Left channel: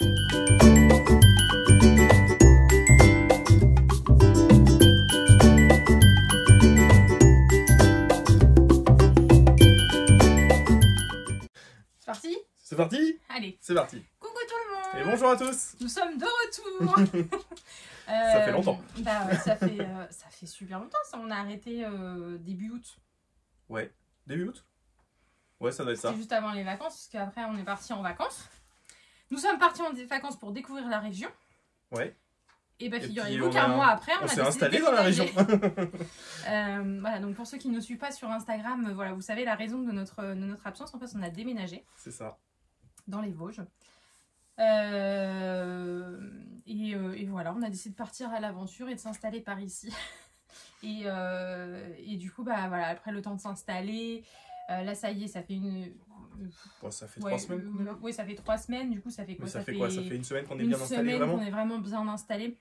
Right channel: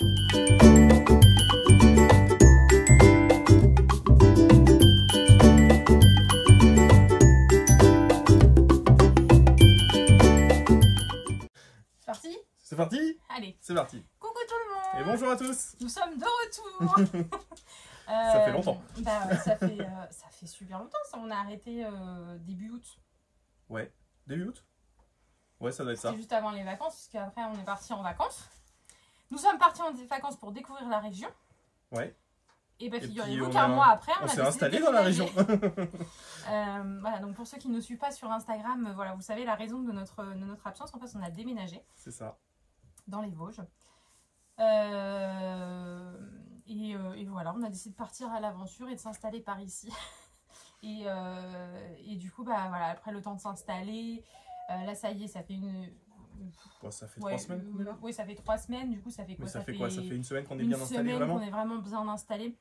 C'est parti? C'est parti? Allez. C'est parti. Coucou tout le monde. Et bonjour à tous. Nous sommes de retour. Ça fait longtemps. Bah ouais, ça fait super longtemps. Ça, on a arrêté début août. Ouais. Début août? Ouais, ça doit être ça. Juste avant les vacances, parce qu'après on est parti en vacances. Nous sommes partis en vacances pour découvrir la région. Ouais. Et bah puis, figurez-vous qu'un mois après, on a s'est décidé installé de dans la région. Voilà, donc pour ceux qui ne nous suivent pas sur Instagram, voilà, vous savez la raison de notre absence. En fait, on a déménagé. C'est ça. Dans les Vosges. Et voilà, on a décidé de partir à l'aventure et de s'installer par ici. et du coup, bah voilà, après le temps de s'installer, là ça y est, ça fait une... Bon, ça fait 3 semaines. Oui, ça fait 3 semaines. Du coup, ça fait quoi? Mais ça fait quoi? Ça fait une semaine qu'on est une bien installé, semaine vraiment? qu'on est vraiment bien installé.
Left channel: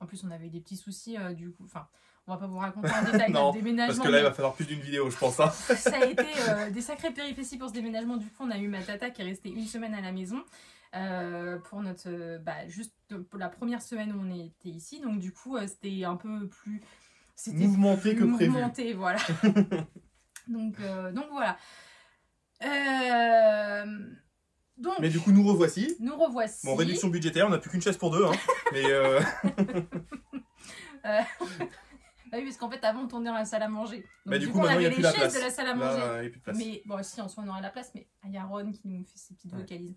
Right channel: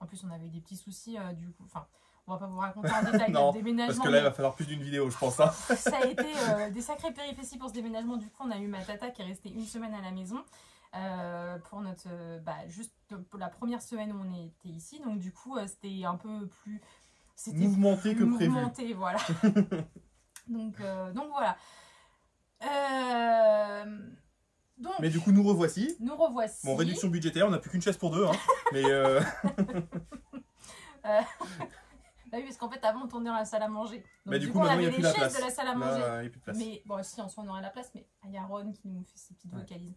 En plus, on avait des petits soucis, du coup, enfin, on va pas vous raconter en détail Non, notre déménagement. parce que là, il va falloir plus d'une vidéo, je pense. Hein. Ça a été des sacrées péripéties pour ce déménagement. Du coup, on a eu ma tata qui est restée une semaine à la maison pour notre, juste pour la première semaine où on était ici. Donc du coup, c'était un peu plus mouvementé que prévu. Mouvementé, voilà. donc voilà. Donc, mais du coup, nous revoici. Nous revoici. Bon, réduction budgétaire, on n'a plus qu'une chaise pour deux. Hein. Mais bah oui, parce qu'en fait, avant, on tournait dans la salle à manger. Donc, bah, du coup, maintenant, il n'y a plus la place. De la salle à manger. Là, il n'y a plus de place. Mais bon, si, en soi, on aura la place. Mais il y a Ron qui nous fait ses petites vocalises.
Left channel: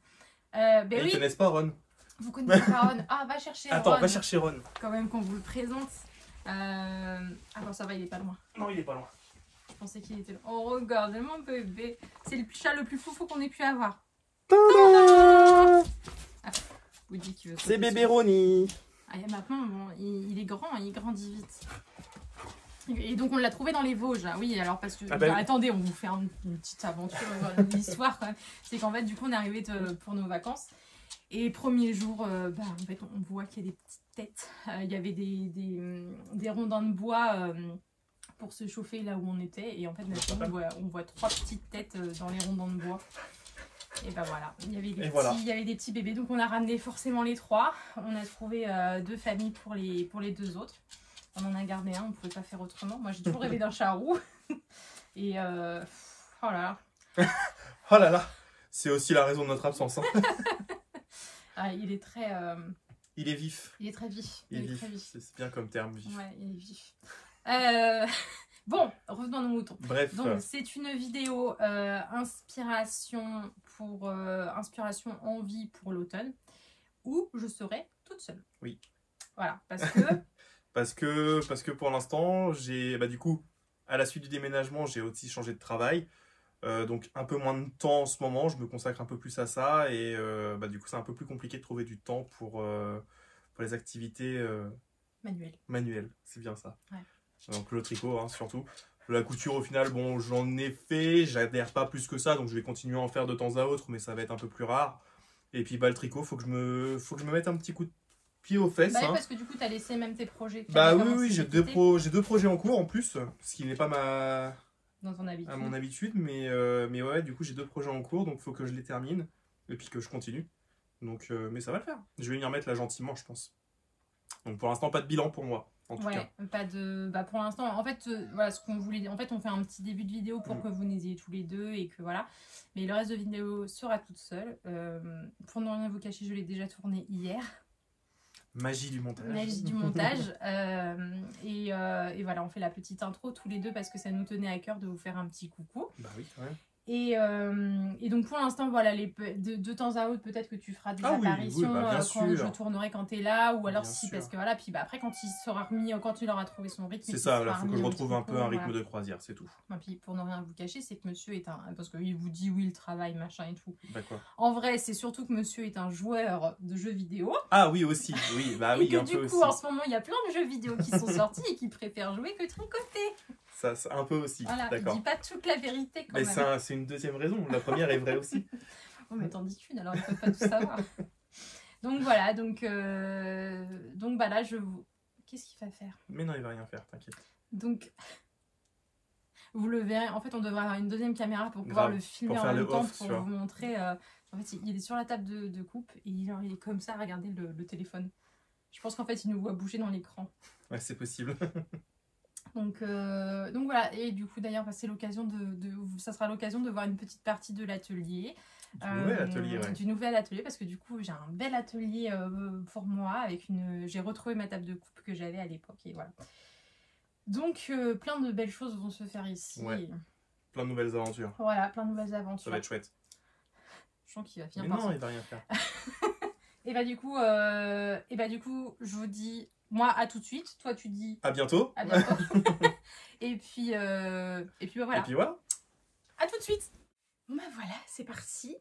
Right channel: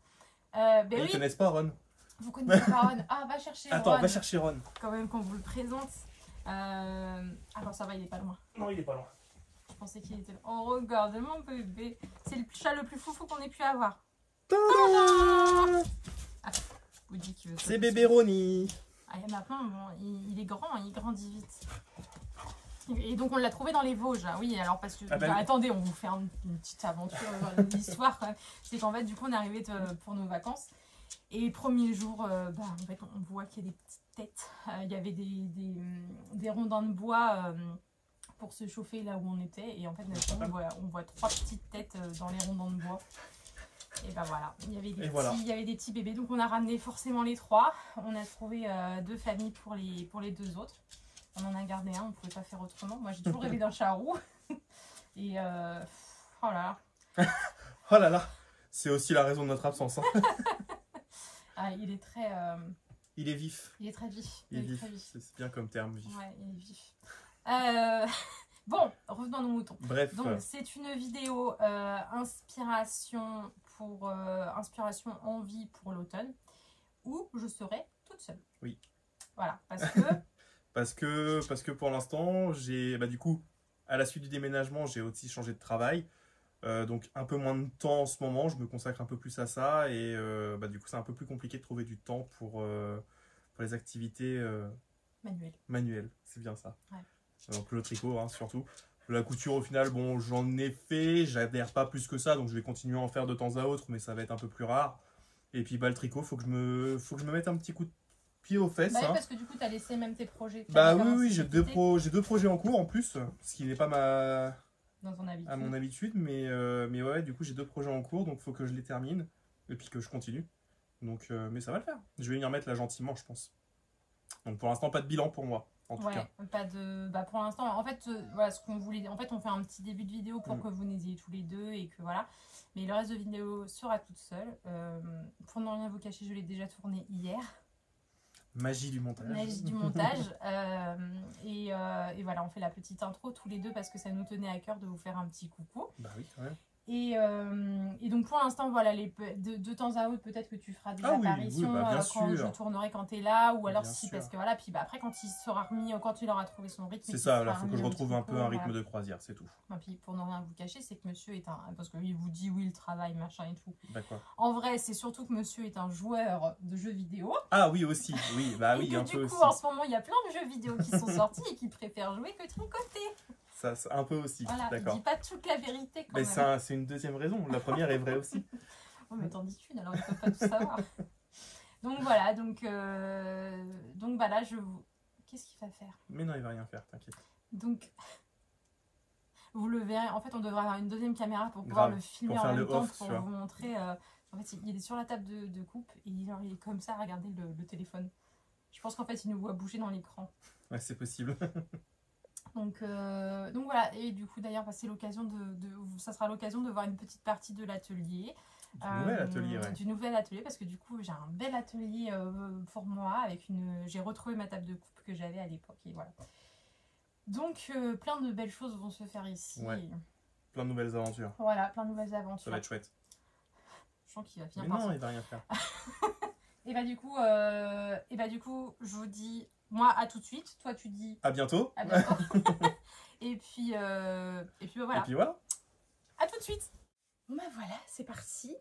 Ils ne connaissent pas Ron. Vous connaissez pas Ron? Ah, va chercher Ron. Attends, va chercher Ron. Quand même qu'on vous le présente. Ah bon, ça va, il est pas loin. Non, il est pas loin. Je pensais qu'il était loin. Oh, regarde, mon bébé. C'est le chat le plus foufou qu'on ait pu avoir. Woody qui veut. C'est bébé Ronnie. Ah, maintenant, bon, il est grand, il grandit vite. Et donc on l'a trouvé dans les Vosges. Oui, alors parce que attendez, on vous fait une petite aventure, une histoire quand même. C'est qu'en fait, du coup, on est arrivé pour nos vacances. Et premier jour, en fait, on voit qu'il y a des petites têtes. Il y avait des rondins de bois pour se chauffer là où on était. Et en fait, on voit 3 petites têtes dans les rondins de bois. Et ben voilà, il y avait des petits bébés. Donc on a ramené forcément les 3. On a trouvé 2 familles pour les 2 autres. On en a gardé un, on ne pouvait pas faire autrement. Moi, j'ai toujours rêvé d'un charroux. Et oh là là. Oh là là. C'est aussi la raison de notre absence. Hein. Ah, il est très... Il est vif. Il est très vif. Il est vif. C'est bien comme terme, vif. Ouais, il est vif. Bon, revenons à nos moutons. Bref. Donc, c'est une vidéo inspiration envie pour l'automne, où je serai toute seule. Oui. Voilà, parce que... parce que pour l'instant, j'ai du coup, à la suite du déménagement, j'ai aussi changé de travail. Donc un peu moins de temps en ce moment, je me consacre un peu plus à ça. Et du coup, c'est un peu plus compliqué de trouver du temps pour les activités manuelles. C'est bien ça. Ouais. Donc le tricot, hein, surtout. La couture, au final, bon, j'en ai fait. J'adhère pas plus que ça, donc je vais continuer à en faire de temps à autre, mais ça va être un peu plus rare. Et puis le tricot, faut que je me mette un petit coup de pied aux fesses. Oui, parce que du coup, tu as laissé même tes projets. Oui, j'ai 2 projets en cours en plus, ce qui n'est pas à mon habitude, mais ouais, du coup, j'ai 2 projets en cours, donc il faut que je les termine et puis que je continue. Donc, mais ça va le faire. Je vais m'y remettre là gentiment, je pense. Donc pour l'instant, pas de bilan pour moi. En tout cas. Pas de... pour l'instant, en fait, voilà, ce qu'on voulait... En fait, on fait un petit début de vidéo pour que vous n'ayez tous les 2 et que voilà. Mais le reste de vidéo sera toute seule. Pour ne rien vous cacher, je l'ai déjà tourné hier. Magie du montage. Magie du montage. Et voilà, on fait la petite intro tous les 2 parce que ça nous tenait à cœur de vous faire un petit coucou. Bah oui, quand même. Et donc pour l'instant, voilà, de temps à autre, peut-être que tu feras des apparitions quand je tournerai quand tu es là, ou alors parce que voilà, puis après quand il sera remis, quand il aura trouvé son rythme. C'est ça, là, il faut que je retrouve un peu un rythme de croisière, c'est tout. Et puis pour ne rien vous cacher, c'est que monsieur est parce qu'il vous dit oui, le travail, machin et tout. D'accord. En vrai, c'est surtout que monsieur est un joueur de jeux vidéo. Ah oui, aussi, oui, bah oui, et que du coup, en ce moment, il y a plein de jeux vidéo qui sont sortis et qui préfèrent jouer que tricoter. Ça, un peu aussi, voilà, d'accord. Il dit pas toute la vérité quand même. Mais c'est une deuxième raison, la première est vraie aussi. Oh mais t'en dis une, alors ils peuvent pas tout savoir. Donc voilà, donc là je vous... Qu'est-ce qu'il va faire? Mais non, il va rien faire, t'inquiète. Donc, vous le verrez, en fait on devrait avoir une deuxième caméra pour pouvoir le filmer en même temps pour vous montrer En fait, il est sur la table de coupe et il est comme ça à regarder le téléphone. Je pense qu'en fait, il nous voit bouger dans l'écran. Ouais, c'est possible. Donc voilà, et du coup d'ailleurs, c'est l'occasion ça sera l'occasion de voir une petite partie de l'atelier. Du nouvel atelier, ouais. Du nouvel atelier, parce que du coup j'ai un bel atelier pour moi, avec j'ai retrouvé ma table de coupe que j'avais à l'époque, et voilà. Donc plein de belles choses vont se faire ici. Ouais. Plein de nouvelles aventures. Voilà, plein de nouvelles aventures. Ça va être chouette. Je sens qu'il va finir par ça. Non, il va rien faire. Et bah du coup, je vous dis, moi à tout de suite, toi tu dis à bientôt. À bientôt. et puis voilà. Et puis voilà. À tout de suite. Bon bah voilà, c'est parti.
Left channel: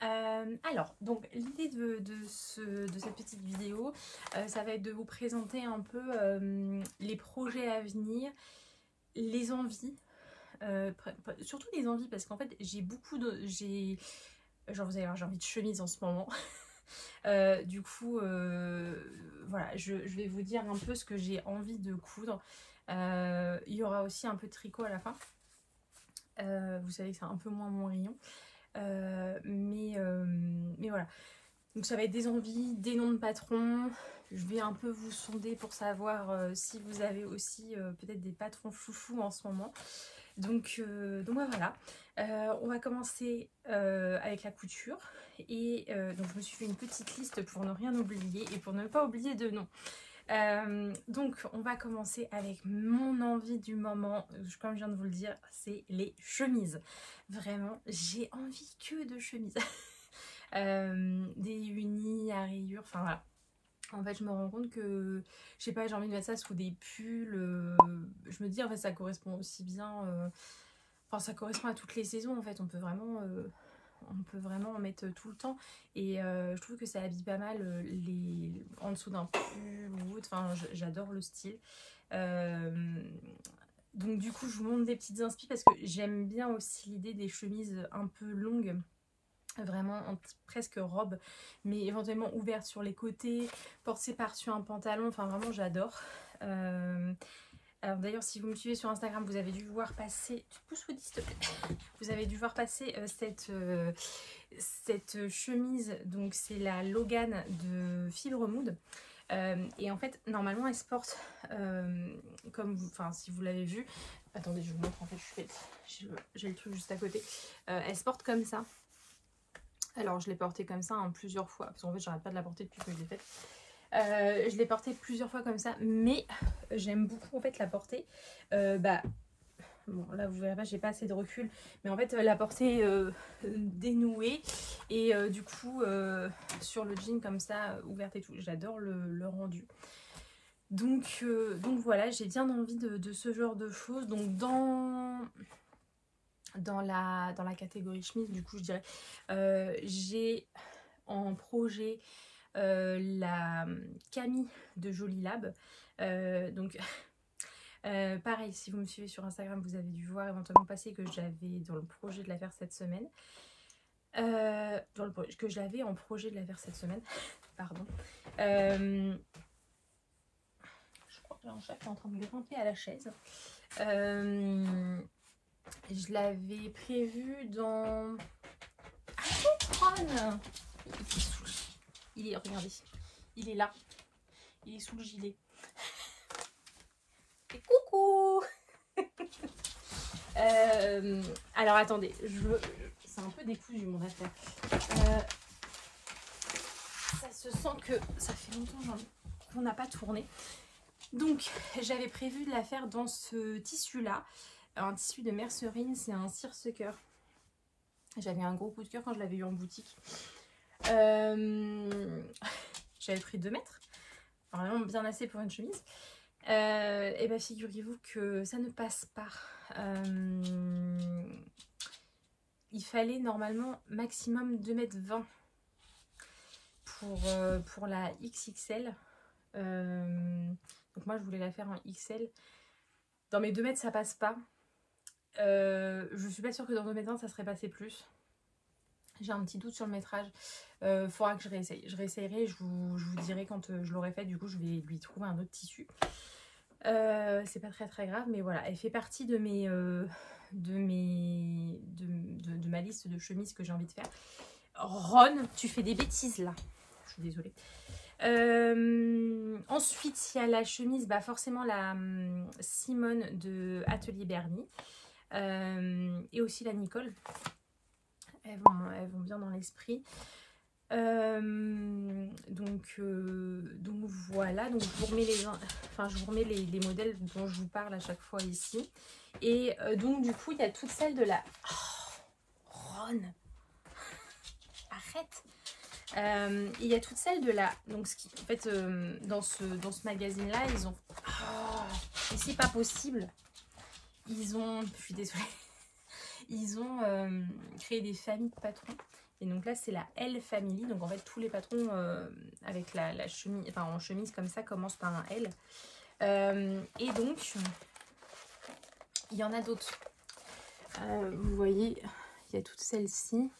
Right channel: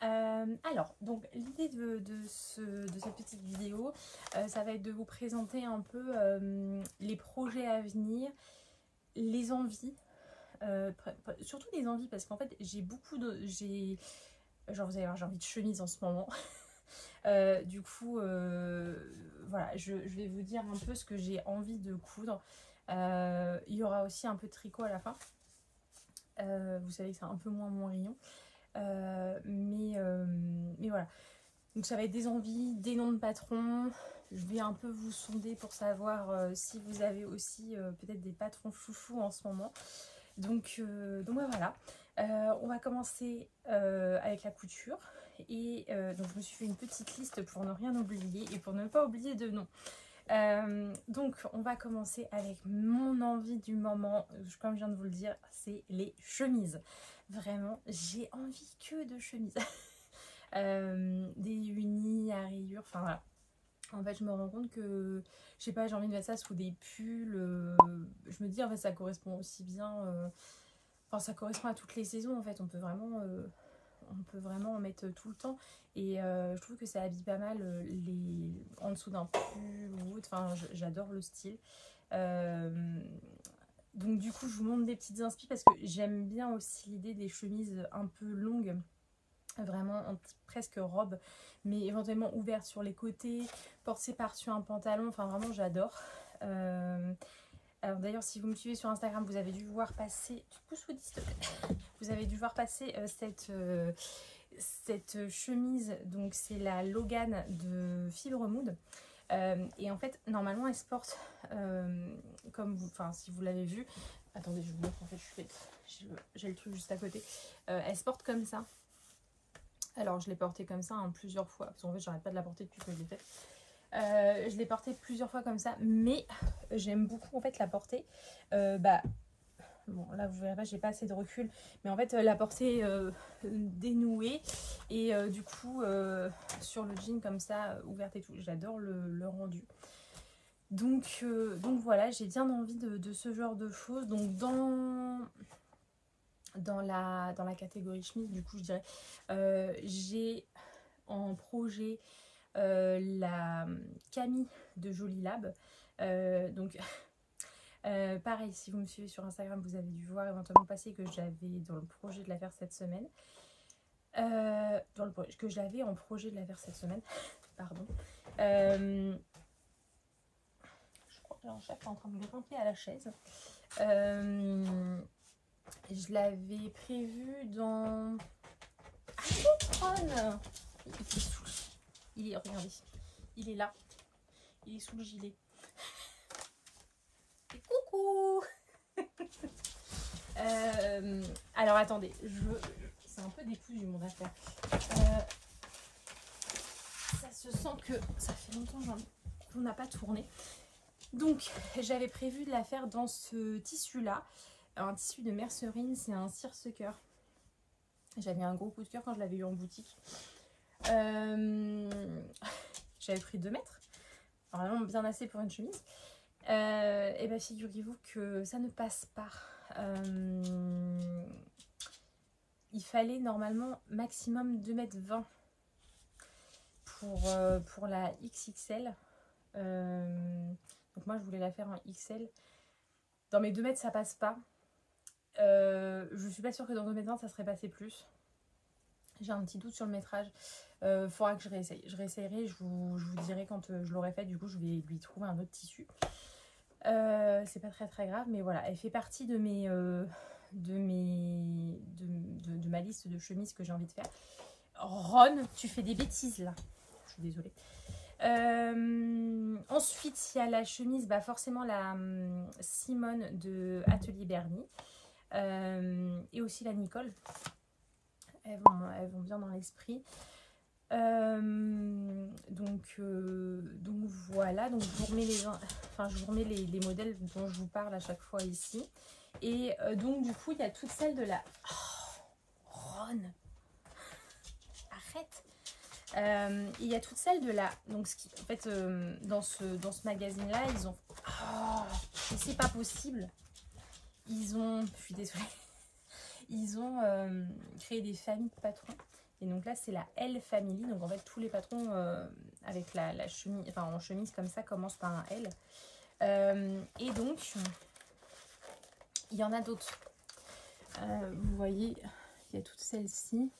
Alors, donc l'idée de cette petite vidéo, ça va être de vous présenter un peu les projets à venir, les envies, surtout les envies, parce qu'en fait j'ai beaucoup de... Genre vous allez voir, j'ai envie de chemise en ce moment. Du coup, voilà, je vais vous dire un peu ce que j'ai envie de coudre. Il y aura aussi un peu de tricot à la fin. Vous savez que c'est un peu moins mon rayon. Mais voilà. Donc ça va être des envies, des noms de patrons. Je vais un peu vous sonder pour savoir si vous avez aussi peut-être des patrons foufou en ce moment. Donc voilà. On va commencer avec la couture. Et donc je me suis fait une petite liste pour ne rien oublier et pour ne pas oublier de nom. Donc on va commencer avec mon envie du moment, comme je viens de vous le dire, c'est les chemises. Vraiment, j'ai envie que de chemises. Des unis à rayures, enfin voilà. En fait, je me rends compte que, je sais pas, j'ai envie de mettre ça sous des pulls. Je me dis, en fait, ça correspond aussi bien... Enfin, ça correspond à toutes les saisons, en fait. On peut vraiment en mettre tout le temps. Et je trouve que ça habille pas mal en dessous d'un pull ou autre. Enfin, j'adore le style. Donc, du coup, je vous montre des petites inspi parce que j'aime bien aussi l'idée des chemises un peu longues. Vraiment presque robe, mais éventuellement ouverte sur les côtés, portée par-dessus un pantalon, enfin vraiment j'adore. Alors d'ailleurs, si vous me suivez sur Instagram, vous avez dû voir passer, vous avez dû voir passer cette chemise, donc c'est la Logan de Fibre Mood. Et en fait, normalement, elle se porte comme vous, enfin si vous l'avez vu, attendez, je vous montre, en fait, j'ai le truc juste à côté. Elle se porte comme ça. Alors je l'ai portée comme ça plusieurs fois, parce qu'en fait j'arrête pas de la porter depuis que je l'ai faite. Je l'ai portée plusieurs fois comme ça, mais j'aime beaucoup en fait la porter. Bon là vous verrez pas, j'ai pas assez de recul, mais en fait la porter dénouée et du coup sur le jean comme ça, ouverte et tout. J'adore le rendu. Donc voilà, j'ai bien envie de ce genre de choses. Donc dans la catégorie chemise, du coup je dirais j'ai en projet la Camille de Jolie Lab. Donc pareil, si vous me suivez sur Instagram, vous avez dû voir éventuellement passer que j'avais dans le projet de la faire cette semaine. Que j'avais en projet de la faire cette semaine. Pardon. Je crois que là, en fait, je suis en train de grimper à la chaise. Je l'avais prévu dans... Ah, regardez, il est là. Il est sous le gilet. Et coucou. Alors attendez, c'est un peu décousu mon affaire. Ça se sent que ça fait longtemps qu'on n'a pas tourné. Donc j'avais prévu de la faire dans ce tissu là. Un tissu de Mercerine, c'est un seersucker. J'avais un gros coup de cœur quand je l'avais eu en boutique. J'avais pris 2 mètres. Vraiment bien assez pour une chemise. Et bien figurez-vous que ça ne passe pas. Il fallait normalement maximum 2,20 m pour la XXL. Donc moi je voulais la faire en XL. Dans mes 2 mètres ça passe pas. Je suis pas sûre que dans 2,20 m ça serait passé plus. J'ai un petit doute sur le métrage. Faudra que je réessaye. Je réessayerai, je vous dirai quand je l'aurai fait. Du coup, je vais lui trouver un autre tissu. C'est pas très grave, mais voilà. Elle fait partie de ma liste de chemises que j'ai envie de faire. Ron, tu fais des bêtises là. Je suis désolée. Ensuite, il y a la chemise, bah forcément la Simone de Atelier Bernie. Et aussi la Nicole. Elles vont bien dans l'esprit. Donc voilà. Donc je vous remets les modèles dont je vous parle à chaque fois ici. Et donc du coup, il y a toutes celles de la... Oh, Ron, arrête. Il y a toutes celles de la... Donc en fait, dans ce magazine-là, ils ont... Oh, et c'est pas possible. Ils ont... Je suis désolée. Ils ont créé des familles de patrons. Et donc là, c'est la L Family. Donc en fait, tous les patrons avec la chemise, enfin en chemise comme ça, commencent par un L. Et donc, il y en a d'autres. Vous voyez, il y a toutes celles-ci.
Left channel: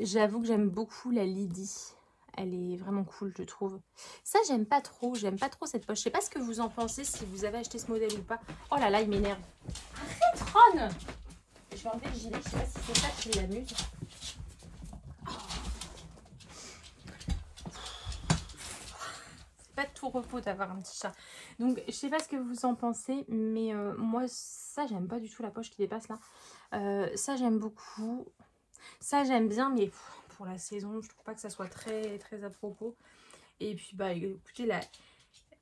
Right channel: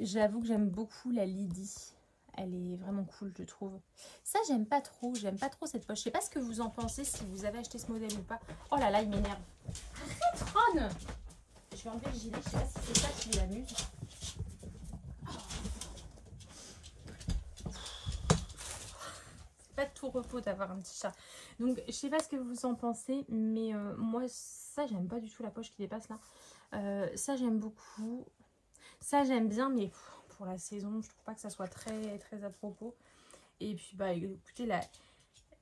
J'avoue que j'aime beaucoup la Lydie. Elle est vraiment cool, je trouve. Ça, j'aime pas trop. J'aime pas trop cette poche. Je sais pas ce que vous en pensez, si vous avez acheté ce modèle ou pas. Oh là là, il m'énerve. Arrête, Ron! Je vais enlever le gilet. Je sais pas si c'est ça qui l'amuse. C'est pas de tout repos d'avoir un petit chat. Donc, je sais pas ce que vous en pensez, mais moi, ça, j'aime pas du tout la poche qui dépasse là. Ça, j'aime beaucoup. Ça, j'aime bien, mais pour la saison, je trouve pas que ça soit très, très à propos. Et puis, bah, écoutez, la...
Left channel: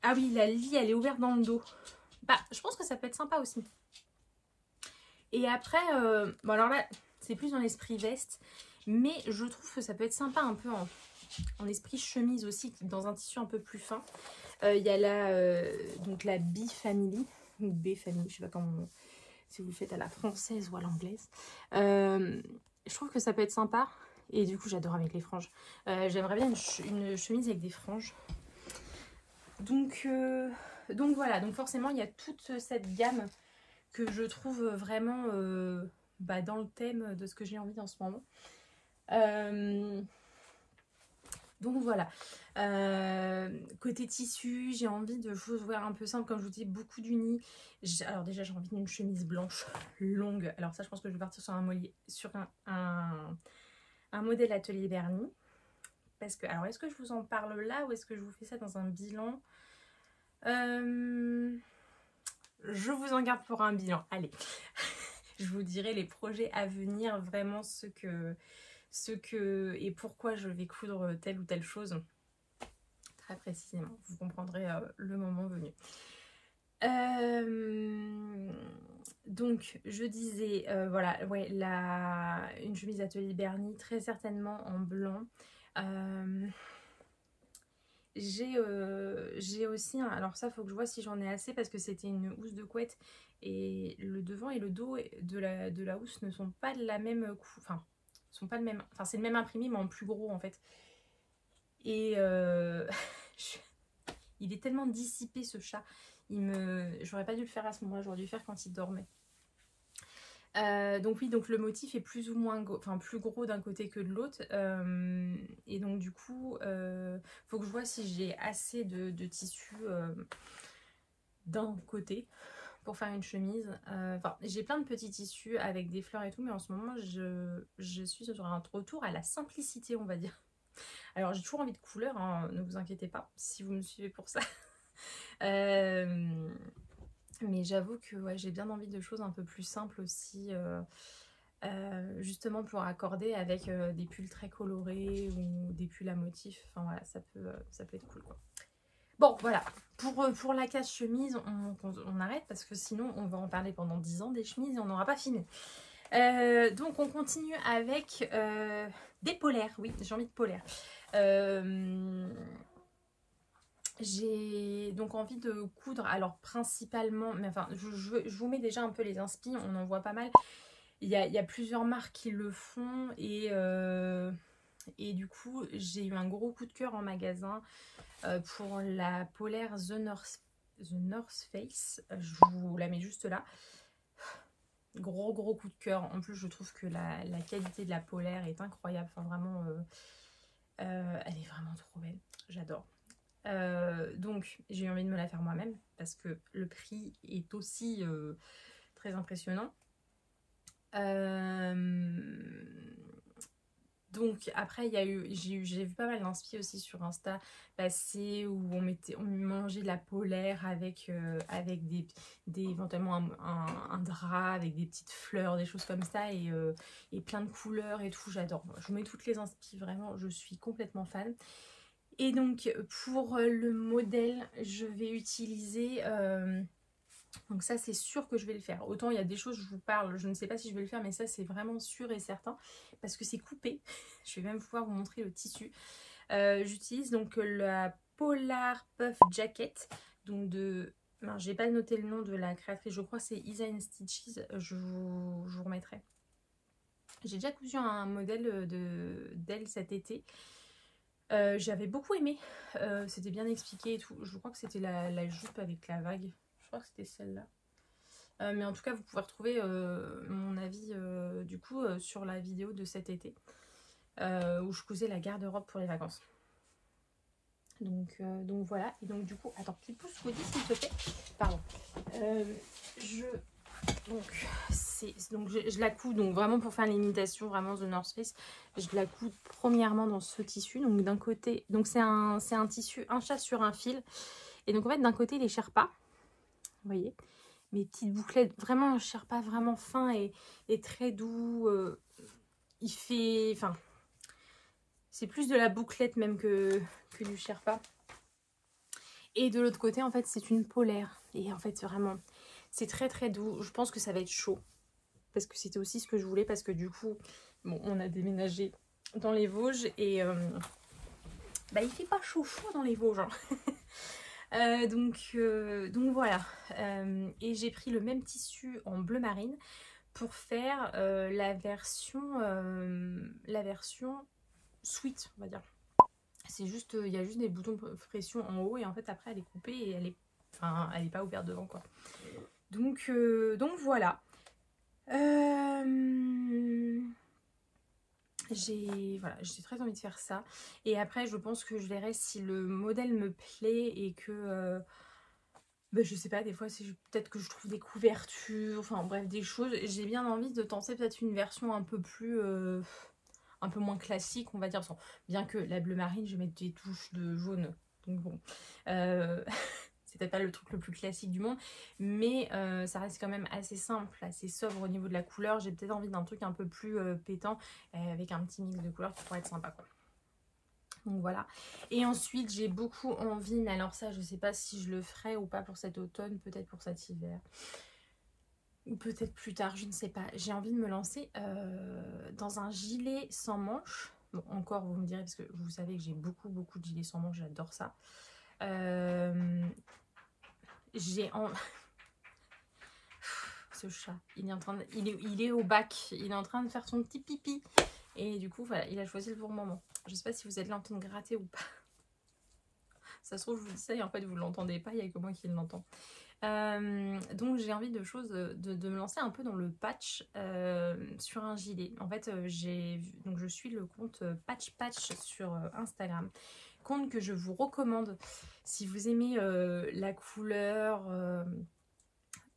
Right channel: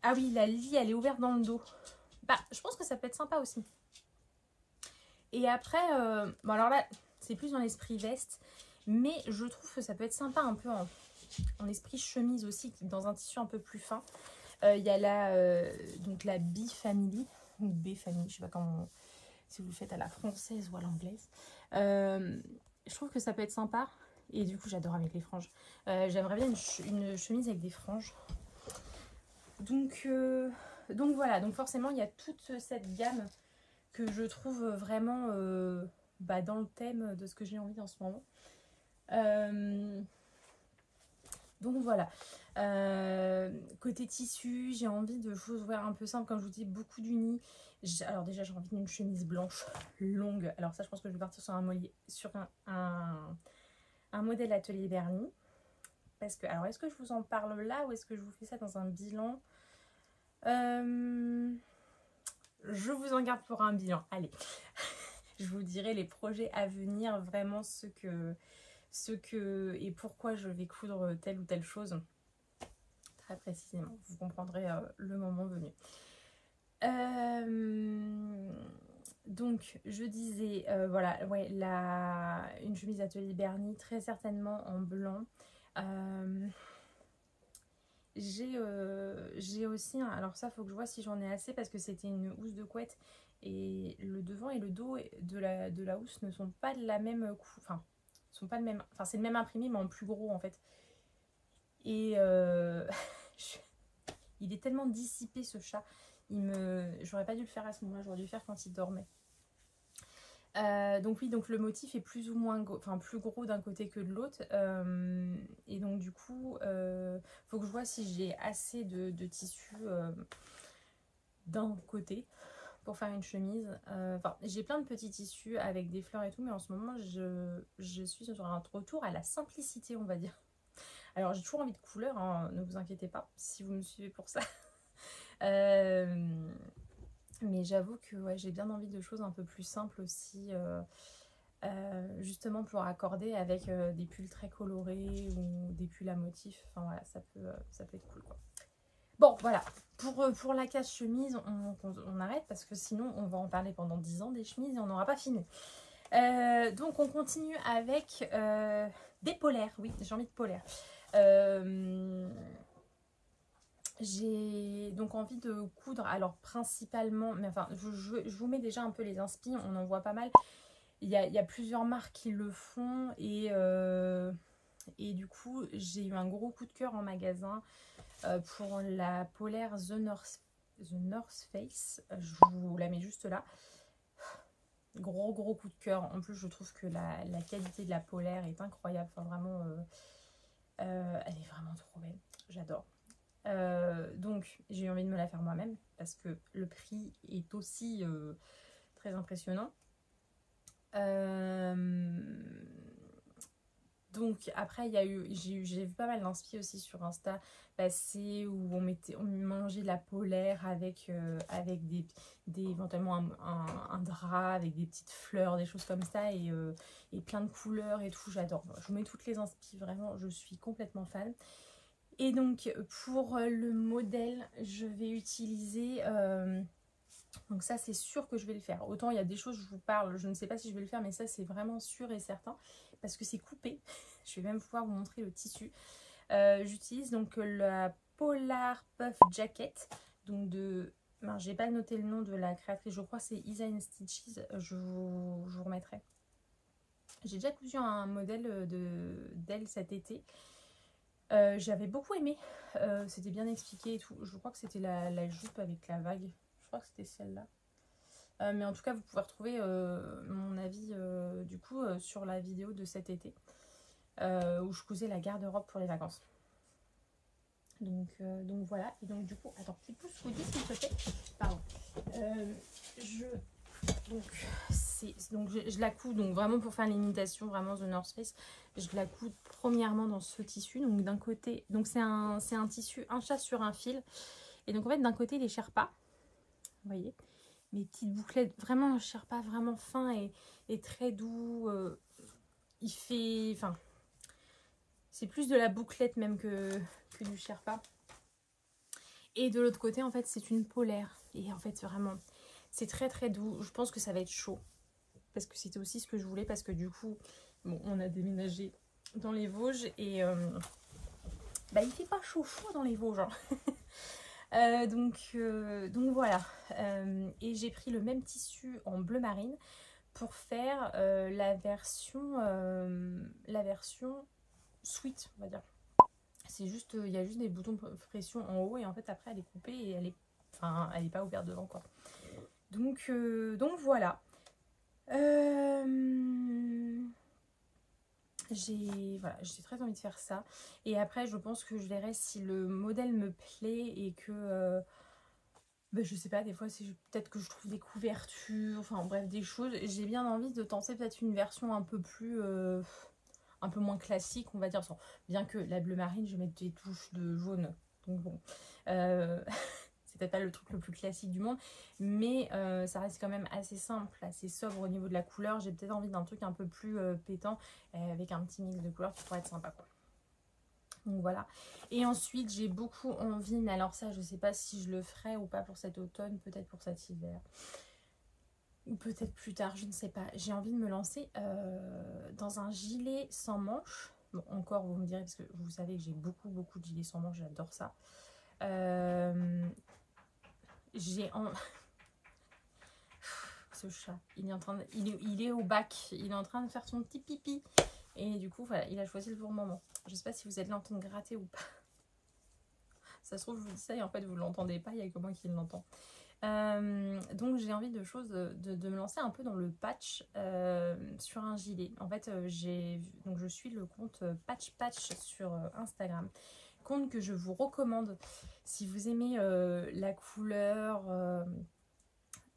Ah oui, la lie, elle est ouverte dans le dos. Bah, je pense que ça peut être sympa aussi. Et après, bon, alors là, c'est plus dans l'esprit veste. Mais je trouve que ça peut être sympa un peu en esprit chemise aussi, dans un tissu un peu plus fin. Il y a donc la B Family, ou B Family, je sais pas comment, si vous le faites à la française ou à l'anglaise. Je trouve que ça peut être sympa. Et du coup, j'adore avec les franges. J'aimerais bien une chemise avec des franges. Donc voilà. Donc forcément, il y a toute cette gamme que je trouve vraiment dans le thème de ce que j'ai envie en ce moment. Donc voilà. Côté tissu, j'ai envie de choses un peu simples. Comme je vous dis, beaucoup d'unis. Alors déjà, j'ai envie d'une chemise blanche longue. Alors ça, je pense que je vais partir sur un modèle Atelier Bernie. Parce que, alors, est-ce que je vous en parle là ou est-ce que je vous fais ça dans un bilan? Je vous en garde pour un bilan. Allez, je vous dirai les projets à venir, vraiment ce que et pourquoi je vais coudre telle ou telle chose. Très précisément, vous comprendrez le moment venu. Donc, je disais, voilà, ouais, une chemise Atelier Bernie, très certainement en blanc. J'ai aussi, alors ça, faut que je vois si j'en ai assez parce que c'était une housse de couette et le devant et le dos de la housse ne sont pas de la même enfin, sont pas le même, enfin c'est le même imprimé mais en plus gros en fait. Et il est tellement dissipé ce chat. J'aurais pas dû le faire à ce moment-là, j'aurais dû le faire quand il dormait. Donc oui, donc le motif est plus ou moins plus gros d'un côté que de l'autre. Et donc du coup, faut que je vois si j'ai assez de tissu d'un côté pour faire une chemise. Enfin, j'ai plein de petits tissus avec des fleurs et tout, mais en ce moment, je suis sur un retour à la simplicité, on va dire. Alors, j'ai toujours envie de couleurs, hein, ne vous inquiétez pas, si vous me suivez pour ça. Mais j'avoue que ouais, j'ai bien envie de choses un peu plus simples aussi, justement pour accorder avec des pulls très colorés ou des pulls à motifs. Enfin voilà, ça peut être cool quoi. Bon voilà, pour la casse chemise, on arrête parce que sinon on va en parler pendant 10 ans des chemises et on n'aura pas fini. Donc on continue avec des polaires, oui j'ai envie de polaires. J'ai donc envie de coudre, alors principalement, mais enfin je vous mets déjà un peu les inspi, on en voit pas mal. Il y a plusieurs marques qui le font et du coup j'ai eu un gros coup de cœur en magasin pour la polaire The North Face. Je vous la mets juste là. Gros coup de cœur. En plus je trouve que la qualité de la polaire est incroyable. Enfin vraiment, elle est vraiment trop belle. J'adore. Donc j'ai eu envie de me la faire moi-même parce que le prix est aussi très impressionnant. Donc après j'ai vu pas mal d'inspi aussi sur Insta passer où on mangeait de la polaire avec éventuellement un drap avec des petites fleurs, des choses comme ça et plein de couleurs et tout, j'adore. Je vous mets toutes les inspi, vraiment je suis complètement fan. Et donc pour le modèle je vais utiliser donc ça c'est sûr que je vais le faire. Autant il y a des choses je vous parle, je ne sais pas si je vais le faire, mais ça c'est vraiment sûr et certain parce que c'est coupé. Je vais même pouvoir vous montrer le tissu. J'utilise donc la Polar Puff Jacket, donc j'ai pas noté le nom de la créatrice, je crois que c'est Isa & Stitches, je vous remettrai. J'ai déjà cousu un modèle d'elle cet été. J'avais beaucoup aimé, c'était bien expliqué et tout. Je crois que c'était la jupe avec la vague, je crois que c'était celle-là. Mais en tout cas vous pouvez retrouver mon avis du coup sur la vidéo de cet été où je cousais la garde-robe pour les vacances. Donc voilà, et donc du coup, attends, petit pouce Woody s'il te plaît, pardon. Donc je la couds, donc vraiment pour faire l'imitation, vraiment The North Face, je la couds premièrement dans ce tissu, donc d'un côté, donc c'est un tissu, un chat sur un fil, et donc en fait d'un côté les Sherpa, vous voyez, mes petites bouclettes, vraiment un Sherpa vraiment fin et très doux, il fait, enfin, c'est plus de la bouclette même que du Sherpa. Et de l'autre côté, en fait, c'est une polaire. Et en fait, vraiment, c'est très très doux. Je pense que ça va être chaud. Parce que c'était aussi ce que je voulais. Parce que du coup, bon, on a déménagé dans les Vosges. Et il fait pas chaud dans les Vosges. Hein. Donc voilà. Et j'ai pris le même tissu en bleu marine pour faire la version sweat, on va dire. C'est juste, il y a juste des boutons de pression en haut et en fait après elle est coupée et elle est pas ouverte devant quoi. Donc voilà. J'ai très envie de faire ça. Et après je pense que je verrai si le modèle me plaît et que je sais pas, des fois c'est peut-être que je trouve des couvertures, enfin bref des choses. J'ai bien envie de tenter peut-être une version un peu plus un peu moins classique on va dire, bien que la bleu marine je vais mettre des touches de jaune, donc bon c'est peut-être pas le truc le plus classique du monde, mais ça reste quand même assez simple, assez sobre au niveau de la couleur. J'ai peut-être envie d'un truc un peu plus pétant avec un petit mix de couleurs qui pourrait être sympa quoi. Donc voilà. Et ensuite j'ai beaucoup envie, mais alors ça je sais pas si je le ferai ou pas pour cet automne, peut-être pour cet hiver ou peut-être plus tard, je ne sais pas. J'ai envie de me lancer dans un gilet sans manches. Bon, encore, vous me direz, parce que vous savez que j'ai beaucoup de gilets sans manches, j'adore ça. Ce chat, il est au bac, il est en train de faire son petit pipi. Et du coup, voilà, il a choisi le bon moment. Je ne sais pas si vous êtes là en train de gratter ou pas. Ça se trouve, je vous dis ça et en fait, vous ne l'entendez pas, il n'y a que moi qui l'entends. Donc j'ai envie de me lancer un peu dans le patch sur un gilet. En fait je suis le compte Patch sur Instagram, compte que je vous recommande si vous aimez la couleur,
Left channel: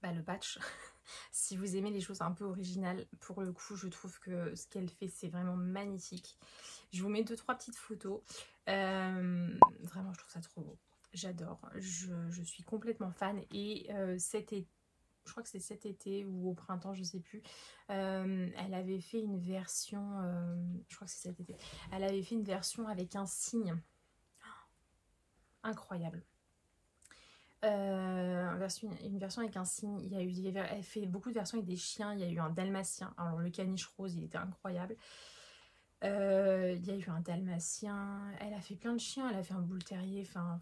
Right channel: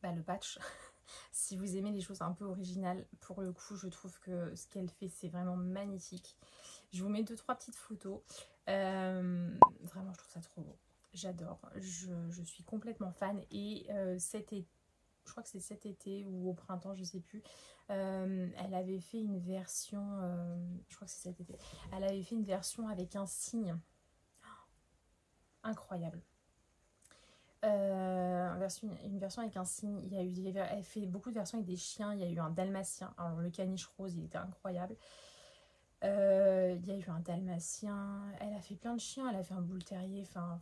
le patch. Si vous aimez les choses un peu originales, pour le coup je trouve que ce qu'elle fait c'est vraiment magnifique. Je vous mets 2-3 petites photos, vraiment je trouve ça trop beau. J'adore, je suis complètement fan et cet été, je crois que c'est cet été ou au printemps, je sais plus, elle avait fait une version, je crois que c'est cet été, elle avait fait une version avec un cygne, incroyable. Une version avec un cygne, elle fait beaucoup de versions avec des chiens, il y a eu un dalmatien, alors le caniche rose il était incroyable. Il y a eu un dalmatien, elle a fait plein de chiens, elle a fait un bull terrier, enfin...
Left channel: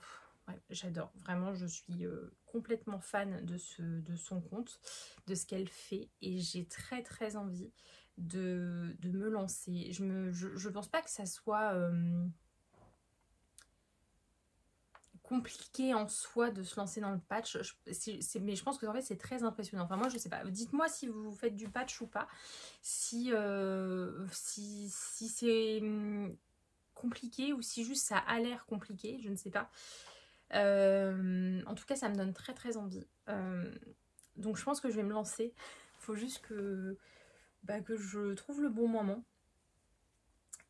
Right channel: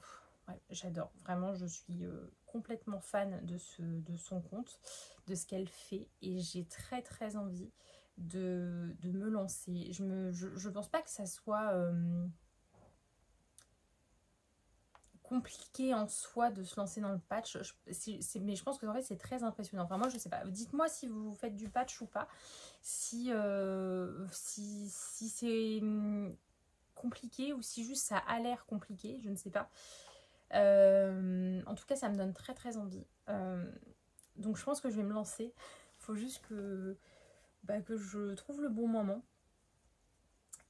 Ouais, j'adore, vraiment je suis complètement fan de son compte, de ce qu'elle fait et j'ai très envie de me lancer. Je pense pas que ça soit compliqué en soi de se lancer dans le patch, mais je pense que en fait c'est très impressionnant. Enfin moi je sais pas, dites-moi si vous faites du patch ou pas, si c'est compliqué ou si juste ça a l'air compliqué, je ne sais pas. En tout cas ça me donne très envie, donc je pense que je vais me lancer. Il faut juste que je trouve le bon moment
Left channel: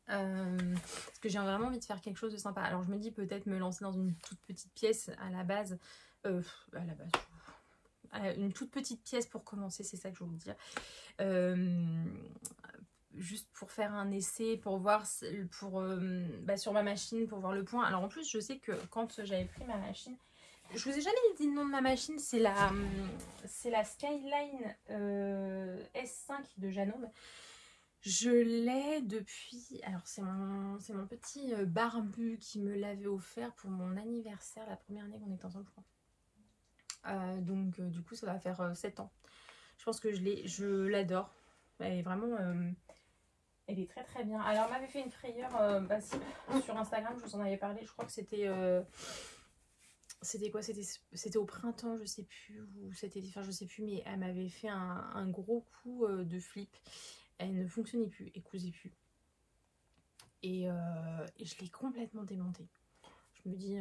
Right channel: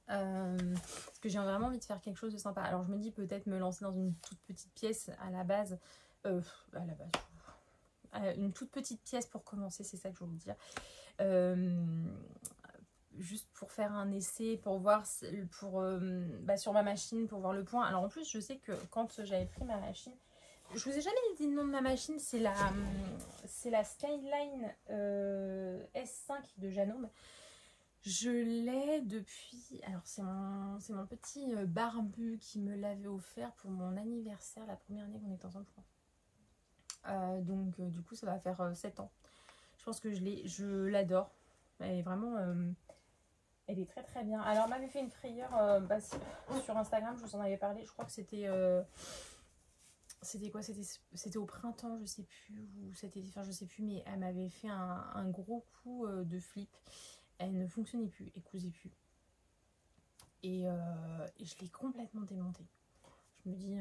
Parce que j'ai vraiment envie de faire quelque chose de sympa. Alors je me dis peut-être me lancer dans une toute petite pièce à la base. Une toute petite pièce pour commencer, c'est ça que je veux vous dire. Juste pour faire un essai, pour voir sur ma machine, pour voir le point. Alors en plus, je sais que quand j'avais pris ma machine, je vous ai jamais dit le nom de ma machine, c'est la Skyline S5 de Janome. Je l'ai depuis... Alors c'est mon petit barbu qui me l'avait offert pour mon anniversaire, la première année qu'on était ensemble, je crois. Donc du coup ça va faire 7 ans. Je pense que je l'adore. Elle est vraiment... elle est très très bien. Alors elle m'avait fait une frayeur sur Instagram, je vous en avais parlé, je crois que c'était... C'était quoi? C'était au printemps, je sais plus, ou c'était... Enfin je sais plus, mais elle m'avait fait un gros coup de flip. Elle ne fonctionnait plus, elle cousait plus. Et je l'ai complètement démontée. Je me dis,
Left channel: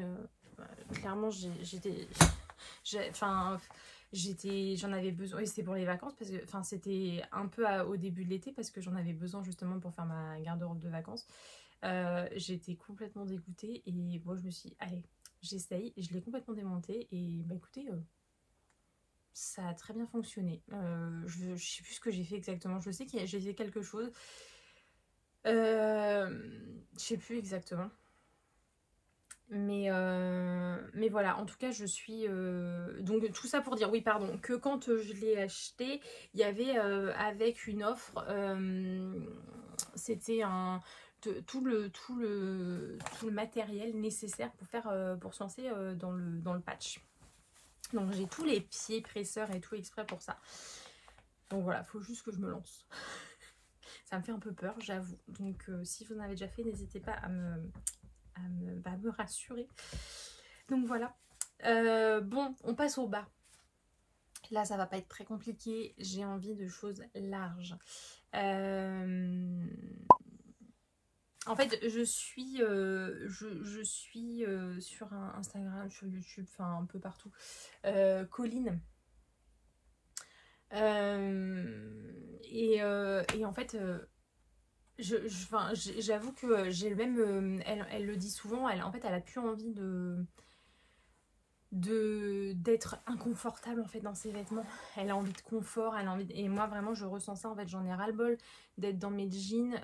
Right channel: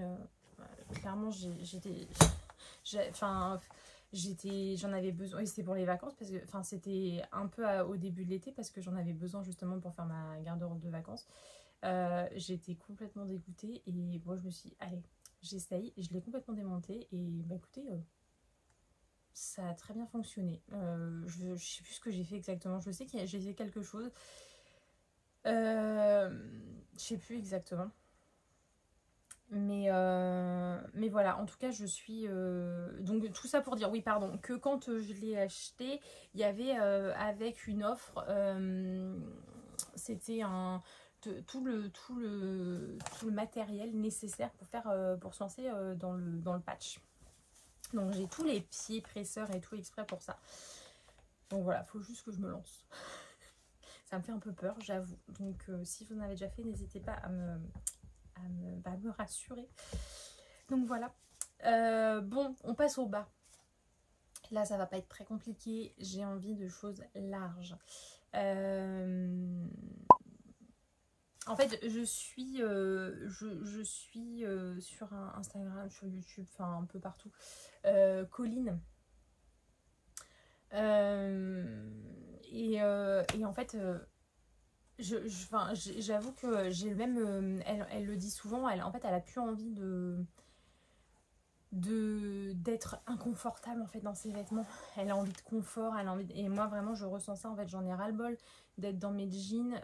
clairement, j'en avais besoin. Et c'était pour les vacances, parce que c'était un peu au début de l'été, parce que j'en avais besoin justement pour faire ma garde-robe de vacances. J'étais complètement dégoûtée. Et moi, je me suis dit, allez, j'essaye. Je l'ai complètement démontée. Et bah écoutez... ça a très bien fonctionné. Je sais plus ce que j'ai fait exactement. Je sais que j'ai fait quelque chose. Je sais plus exactement. Mais voilà, en tout cas, je suis... Donc, tout ça pour dire, oui, pardon, que quand je l'ai acheté, il y avait avec une offre, c'était tout le matériel nécessaire pour se lancer dans le patch. Donc j'ai tous les pieds presseurs et tout exprès pour ça. Donc voilà, il faut juste que je me lance. Ça me fait un peu peur, j'avoue. Donc si vous en avez déjà fait, n'hésitez pas à me rassurer. Donc voilà. Bon, on passe au bas. Là, ça va pas être très compliqué. J'ai envie de choses larges. En fait, je suis sur Instagram, sur YouTube, enfin un peu partout. Colline. Et en fait, j'avoue que j'ai le même... elle le dit souvent, en fait, elle a plus envie d'être inconfortable en fait dans ses vêtements. Elle a envie de confort, elle a envie et moi vraiment je ressens ça en fait, j'en ai ras le bol d'être dans mes jeans.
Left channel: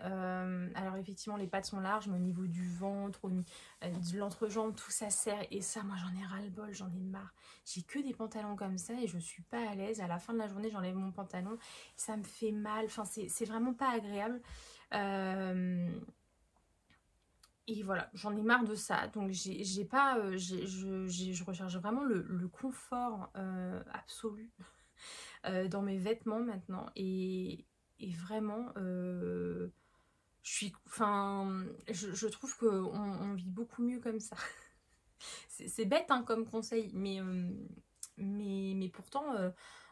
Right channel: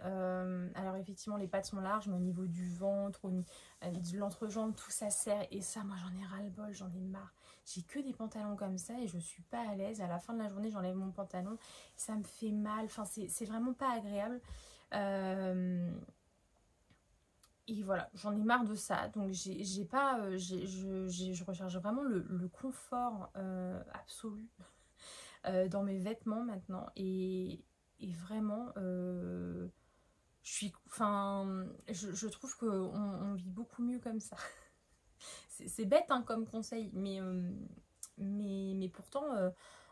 Alors effectivement les pattes sont larges, mais au niveau du ventre, de l'entrejambe, tout ça serre, et ça moi j'en ai ras le bol, j'en ai marre. J'ai que des pantalons comme ça et je suis pas à l'aise. À la fin de la journée j'enlève mon pantalon, ça me fait mal, enfin c'est vraiment pas agréable. Et voilà, j'en ai marre de ça. Donc je recherche vraiment le confort absolu dans mes vêtements maintenant. Et vraiment, je trouve qu'on vit beaucoup mieux comme ça. C'est bête hein, comme conseil, mais pourtant,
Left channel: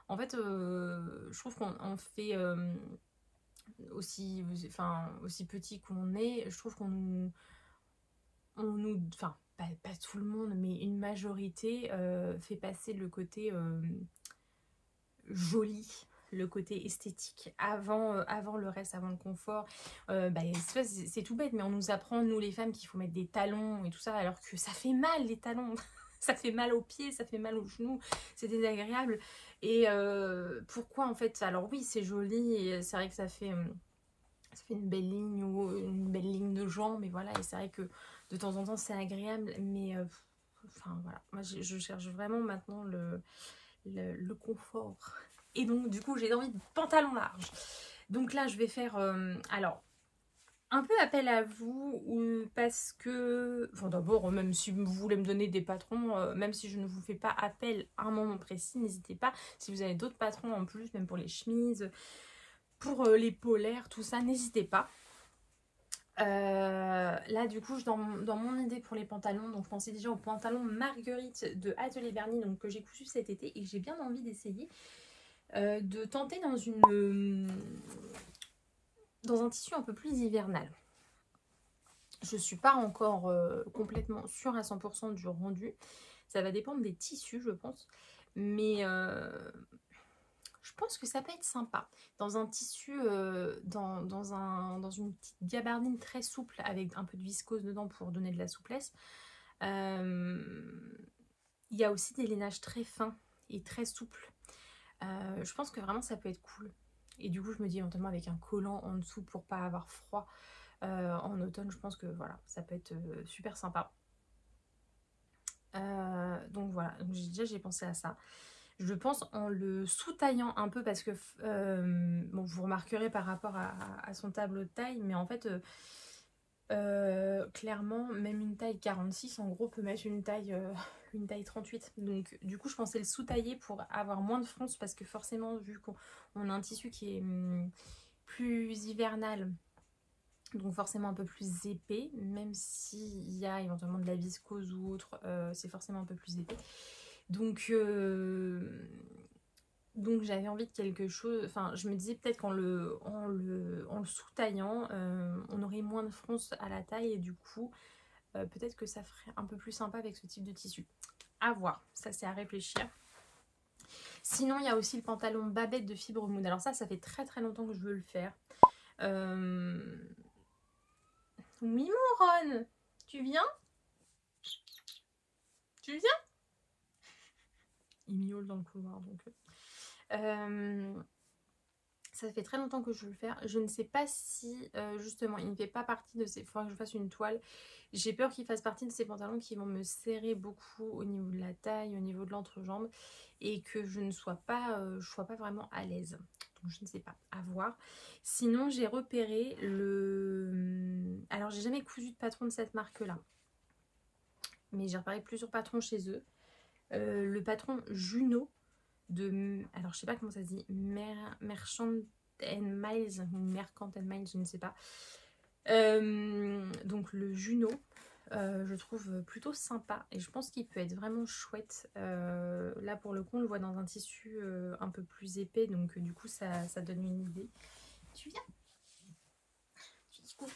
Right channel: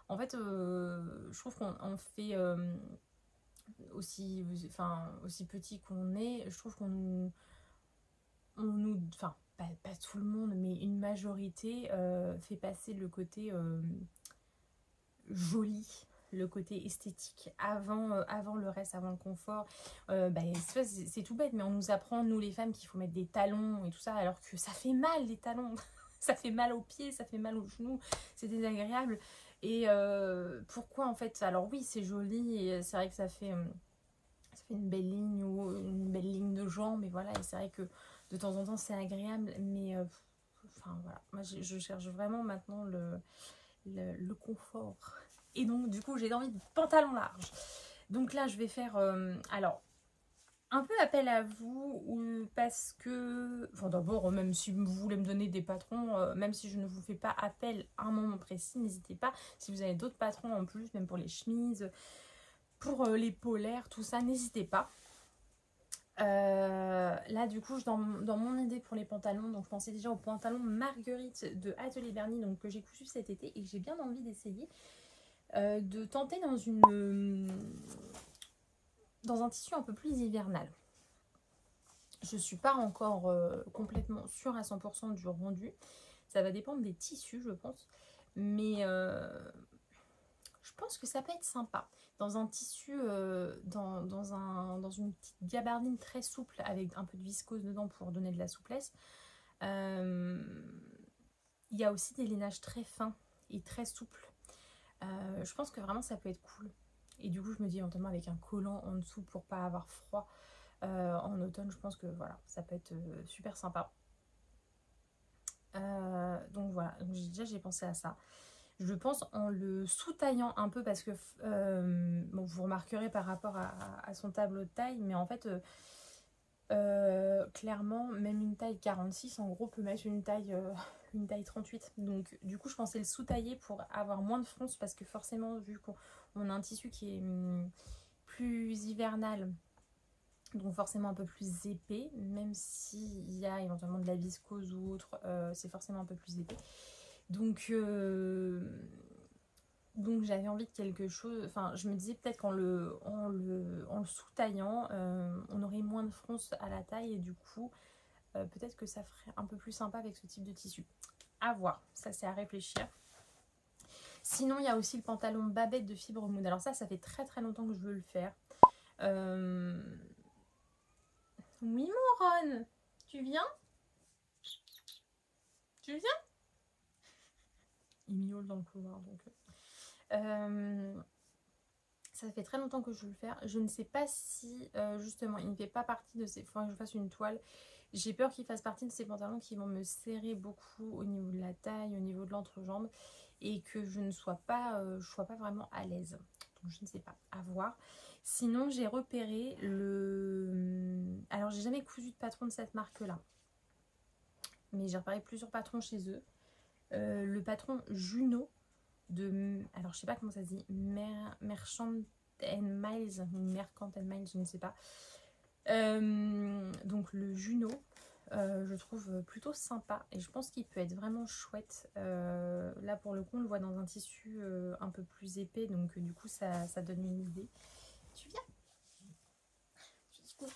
en fait, je trouve qu'on fait aussi petit qu'on est, je trouve enfin pas tout le monde, mais une majorité fait passer le côté joli, le côté esthétique avant le reste, avant le confort. C'est tout bête, mais on nous apprend, nous les femmes, qu'il faut mettre des talons et tout ça, alors que ça fait mal les talons. Ça fait mal aux pieds, ça fait mal aux genoux, c'est désagréable. Et pourquoi en fait? Alors oui, c'est joli, et c'est vrai que ça fait une belle ligne de jambes, et voilà, et c'est vrai que de temps en temps c'est agréable, mais enfin voilà, moi je cherche vraiment maintenant le confort, et donc du coup j'ai envie de pantalons larges. Donc là je vais faire alors un peu appel à vous, parce que enfin d'abord, même si vous voulez me donner des patrons, même si je ne vous fais pas appel à un moment précis, n'hésitez pas. Si vous avez d'autres patrons en plus, même pour les chemises, pour les polaires, tout ça, n'hésitez pas. Là du coup dans mon idée pour les pantalons, donc je pensais déjà aux pantalons Marguerite de Atelier Bernie, donc que j'ai cousu cet été et que j'ai bien envie d'essayer, de tenter dans un tissu un peu plus hivernal. Je suis pas encore complètement sûre à 100% du rendu, ça va dépendre des tissus je pense, mais je pense que ça peut être sympa. Dans un tissu, dans une petite gabardine très souple avec un peu de viscose dedans pour donner de la souplesse. Il y a aussi des lainages très fins et très souples. Je pense que vraiment ça peut être cool. Et du coup, je me dis éventuellement avec un collant en dessous pour pas avoir froid en automne. Je pense que voilà, ça peut être super sympa. Donc voilà, donc déjà j'ai pensé à ça. Je pense en le sous-taillant un peu parce que bon, vous remarquerez par rapport à son tableau de taille, mais en fait clairement même une taille 46 en gros peut mettre une taille 38. Donc du coup je pensais le sous-tailler pour avoir moins de fronce parce que forcément vu qu'on a un tissu qui est plus hivernal, donc forcément un peu plus épais, même s'il y a éventuellement de la viscose ou autre, c'est forcément un peu plus épais. Donc j'avais envie de quelque chose, enfin je me disais peut-être qu'en le sous-taillant, on aurait moins de fronce à la taille et du coup peut-être que ça ferait un peu plus sympa avec ce type de tissu. À voir, ça c'est à réfléchir. Sinon il y a aussi le pantalon babette de fibre mousse. Alors ça fait très très longtemps que je veux le faire. Oui mon Ron, tu viens? Tu viens? Il miaule dans le couloir donc... ça fait très longtemps que je veux le faire. Je ne sais pas si justement il ne fait pas partie de ces... Il faudrait que je fasse une toile. J'ai peur qu'il fasse partie de ces pantalons qui vont me serrer beaucoup au niveau de la taille, au niveau de l'entrejambe et que je ne sois pas, vraiment à l'aise. Donc je ne sais pas, à voir. Sinon j'ai repéré le... Alors j'ai jamais cousu de patron de cette marque là. Mais j'ai repéré plusieurs patrons chez eux. Le patron Juno de... Alors je sais pas comment ça se dit. Merchant Miles ou Mercant Miles, je ne sais pas. Donc le Juno, je trouve plutôt sympa et je pense qu'il peut être vraiment chouette. Là pour le coup on le voit dans un tissu un peu plus épais, donc du coup ça donne une idée. Tu viens? Tu dis coucou?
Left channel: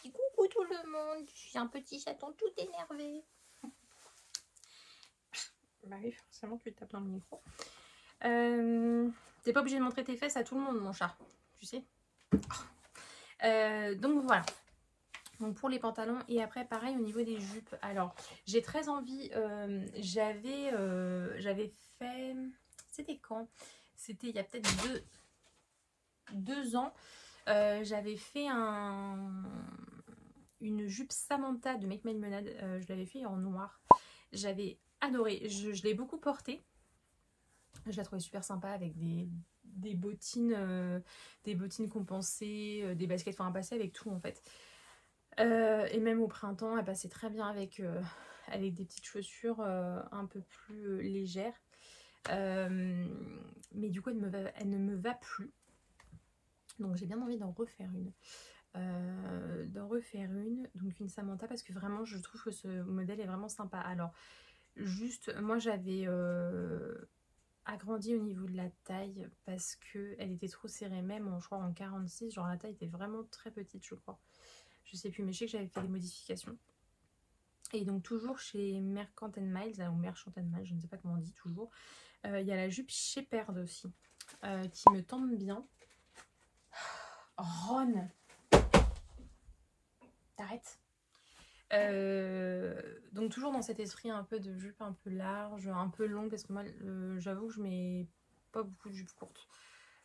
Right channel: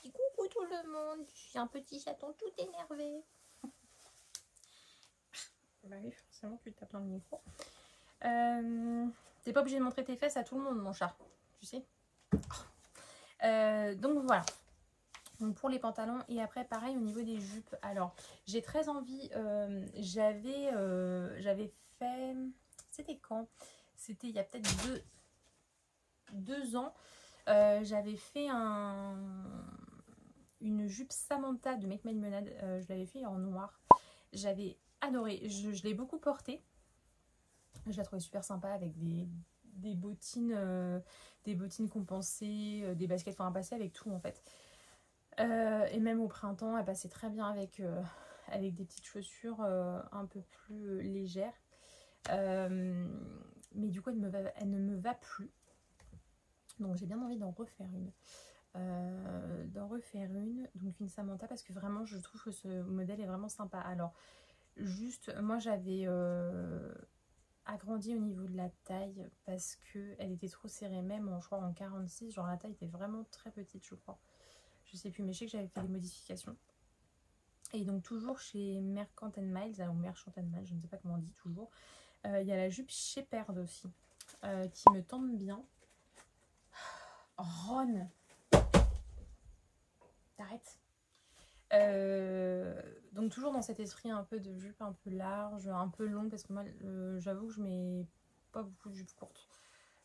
Tu dis coucou tout le monde, je suis un petit chaton tout énervé. Bah oui, forcément tu tapes dans le micro. T'es pas obligé de montrer tes fesses à tout le monde mon chat, tu sais. Donc voilà. Donc pour les pantalons et après pareil au niveau des jupes. Alors j'ai très envie, j'avais fait, c'était quand? C'était il y a peut-être deux ans. J'avais fait une jupe Samantha de Make My Lemonade. Je l'avais fait en noir. J'avais adoré. Je l'ai beaucoup portée. Je la trouvais super sympa avec des bottines compensées, des baskets, enfin passer avec tout en fait. Et même au printemps, elle passait très bien avec des petites chaussures un peu plus légères. Mais du coup, elle ne me va plus. Donc j'ai bien envie d'en refaire une. Donc une Samantha, parce que vraiment, je trouve que ce modèle est vraiment sympa. Alors, juste, moi j'avais agrandi au niveau de la taille parce qu'elle était trop serrée, même je crois en 46, genre la taille était vraiment très petite, je crois. Je sais plus, mais je sais que j'avais fait des modifications. Et donc toujours chez Mercant Miles, ou Merchant Miles, je ne sais pas comment on dit toujours, il y a la jupe Shepherd aussi, qui me tente bien. Ron, t'arrêtes. Donc toujours dans cet esprit un peu de jupe un peu large, un peu long, parce que moi j'avoue que je mets pas beaucoup de jupes courtes.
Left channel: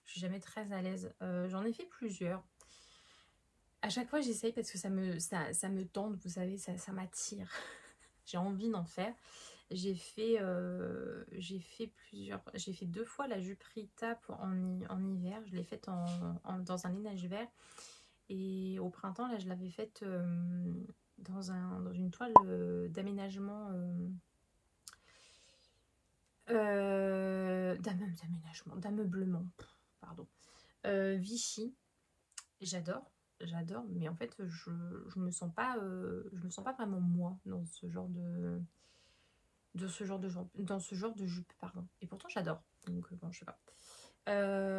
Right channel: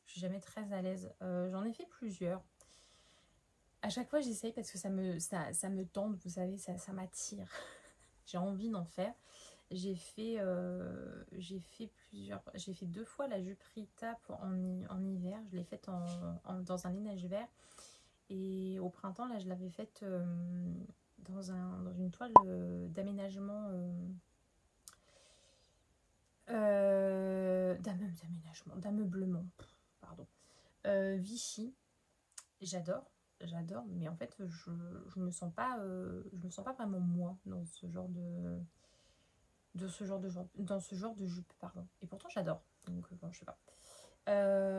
Je suis jamais très à l'aise. J'en ai fait plusieurs. À chaque fois j'essaye parce que ça me tente, vous savez, ça m'attire. J'ai envie d'en faire. J'ai fait plusieurs. J'ai fait 2 fois la jupe Rita en hiver. Je l'ai faite dans un lainage vert. Et au printemps, là, je l'avais faite dans une toile d'aménagement. D'ameublement. Pardon. Vichy. J'adore, mais en fait je me sens pas vraiment moi dans ce genre de jupe, pardon. Et pourtant j'adore, donc bon, je sais pas.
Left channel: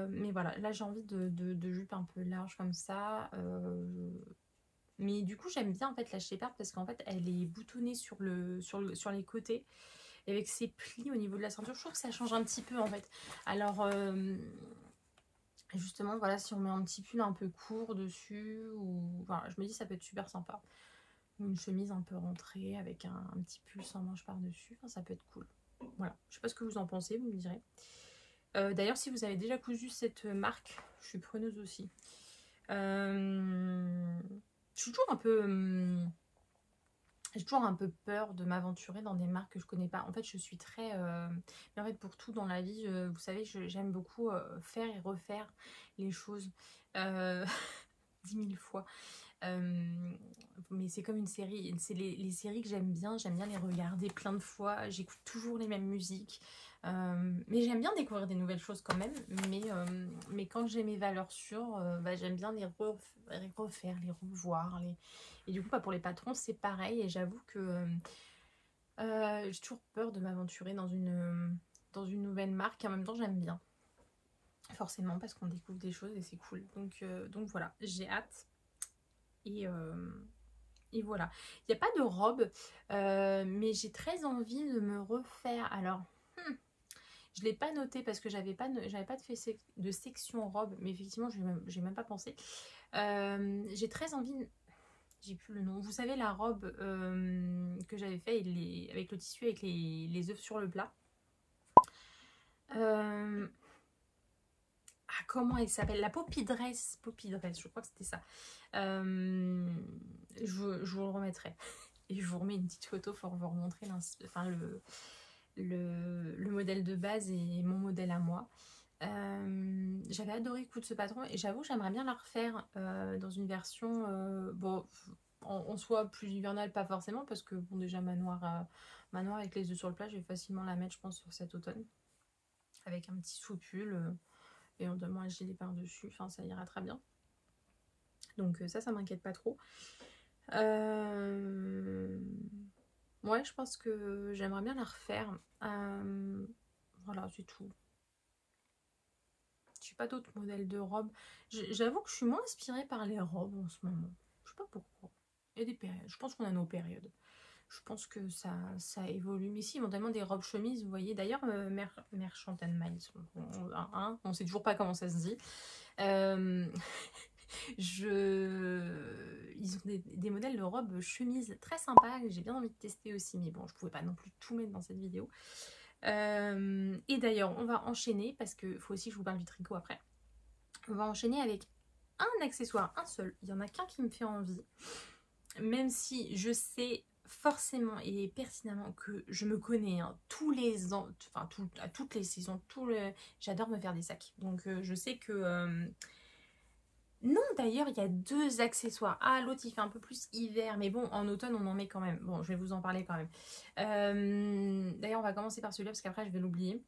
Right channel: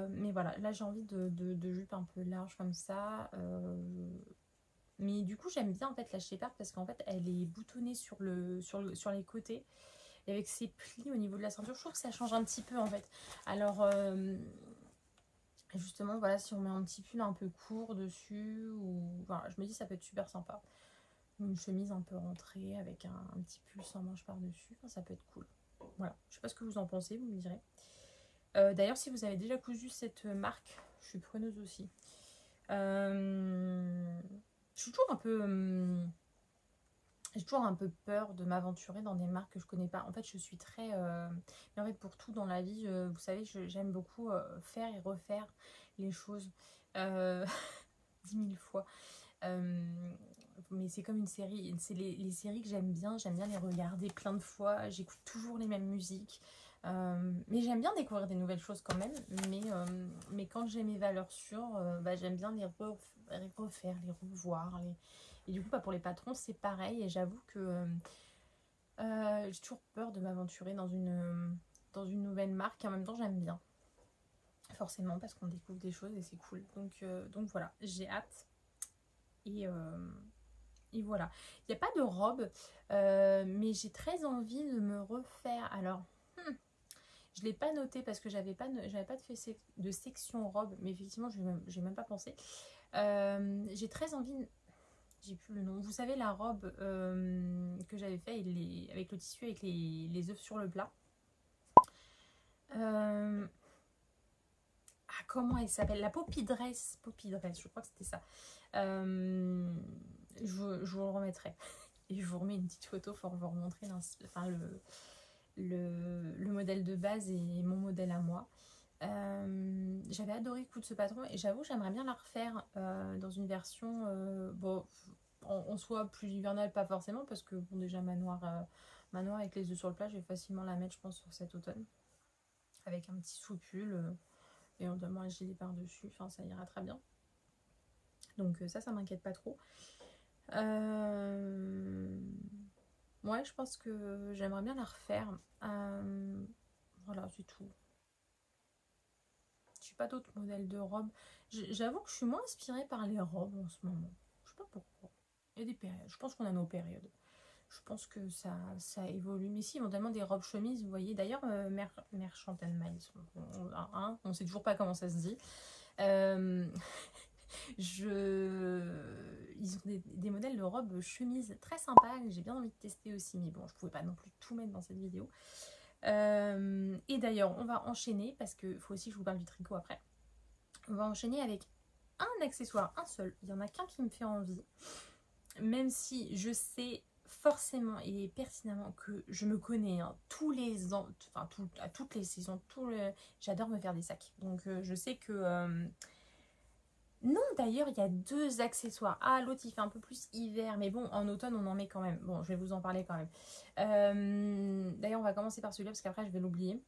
Mais voilà, là j'ai envie de jupe un peu large comme ça. Mais du coup j'aime bien en fait la Shepherd parce qu'en fait elle est boutonnée sur les côtés. Et avec ces plis au niveau de la ceinture, je trouve que ça change un petit peu en fait. Alors, justement, voilà, si on met un petit pull un peu court dessus, ou voilà, je me dis ça peut être super sympa. Une chemise un peu rentrée avec un petit pull sans manche par-dessus, enfin, ça peut être cool. Voilà, je sais pas ce que vous en pensez, vous me direz. D'ailleurs, si vous avez déjà cousu cette marque, je suis preneuse aussi. Je suis toujours un peu... j'ai toujours un peu peur de m'aventurer dans des marques que je connais pas. En fait, je suis très... mais en fait, pour tout dans la vie, vous savez, j'aime beaucoup faire et refaire les choses 10 000 fois. Mais c'est comme une série. C'est les séries que j'aime bien les regarder plein de fois. J'écoute toujours les mêmes musiques. Mais j'aime bien découvrir des nouvelles choses quand même. Mais quand j'ai mes valeurs sûres, j'aime bien les refaire, les revoir. Et du coup, pour les patrons, c'est pareil. Et j'avoue que j'ai toujours peur de m'aventurer dans une nouvelle marque. Et en même temps, j'aime bien. Forcément, parce qu'on découvre des choses et c'est cool. Donc voilà, j'ai hâte. Et voilà. Il n'y a pas de robe, mais j'ai très envie de me refaire. Alors, je ne l'ai pas noté parce que j'avais pas de section robe, mais effectivement, je n'ai même pas pensé. J'ai très envie, j'ai plus le nom. Vous savez, la robe que j'avais fait avec le tissu, avec les œufs sur le plat. Comment elle s'appelle? La Poppy Dress, je crois que c'était ça. Je vous le remettrai. Et je vous remets une petite photo pour vous remontrer le modèle de base et mon modèle à moi. J'avais adoré coudre ce patron et j'avoue j'aimerais bien la refaire dans une version en soi plus hivernale, pas forcément, parce que bon, déjà manoir avec les œufs sur le plat, je vais facilement la mettre, je pense, sur cet automne, avec un petit sous-pull éventuellement un gilet par dessus, enfin ça ira très bien. Donc ça m'inquiète pas trop. Ouais, je pense que j'aimerais bien la refaire. Voilà, c'est tout. Je n'ai pas d'autres modèles de robes. J'avoue que je suis moins inspirée par les robes en ce moment. Je sais pas pourquoi. Il y a des périodes. Je pense qu'on a nos périodes. Je pense que ça évolue. Mais si, éventuellement des robes chemises, vous voyez. D'ailleurs, Merchant and Miles, on ne sait toujours pas comment ça se dit. Ils ont des modèles de robes chemises très sympas que j'ai bien envie de tester aussi. Mais bon, je ne pouvais pas non plus tout mettre dans cette vidéo. Et d'ailleurs, on va enchaîner, parce qu'il faut aussi que je vous parle du tricot après. On va enchaîner avec un accessoire, un seul. Il n'y en a qu'un qui me fait envie. Même si je sais forcément et pertinemment que je me connais tous les ans, enfin à toutes les saisons, j'adore me faire des sacs. Donc je sais que... Non, d'ailleurs, il y a 2 accessoires. Ah, l'autre, il fait un peu plus hiver. Mais bon, en automne, on en met quand même. Bon, je vais vous en parler quand même. D'ailleurs, on va commencer par celui-là, parce qu'après, je vais l'oublier.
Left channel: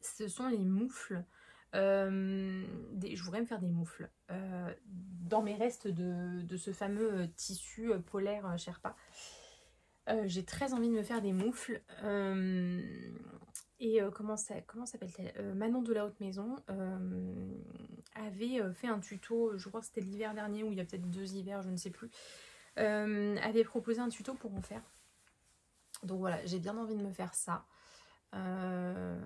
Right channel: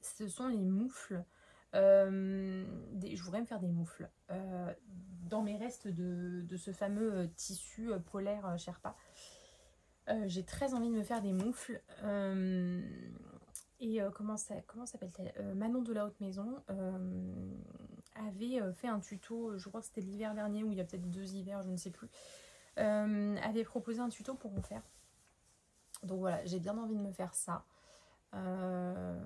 Ce sont les moufles. Je voudrais me faire des moufles. Dans mes restes de ce fameux tissu polaire Sherpa. J'ai très envie de me faire des moufles. Et comment s'appelle-t-elle, Manon de la Haute Maison avait fait un tuto, je crois que c'était l'hiver dernier, ou il y a peut-être 2 hivers, je ne sais plus, avait proposé un tuto pour en faire. Donc voilà, j'ai bien envie de me faire ça. En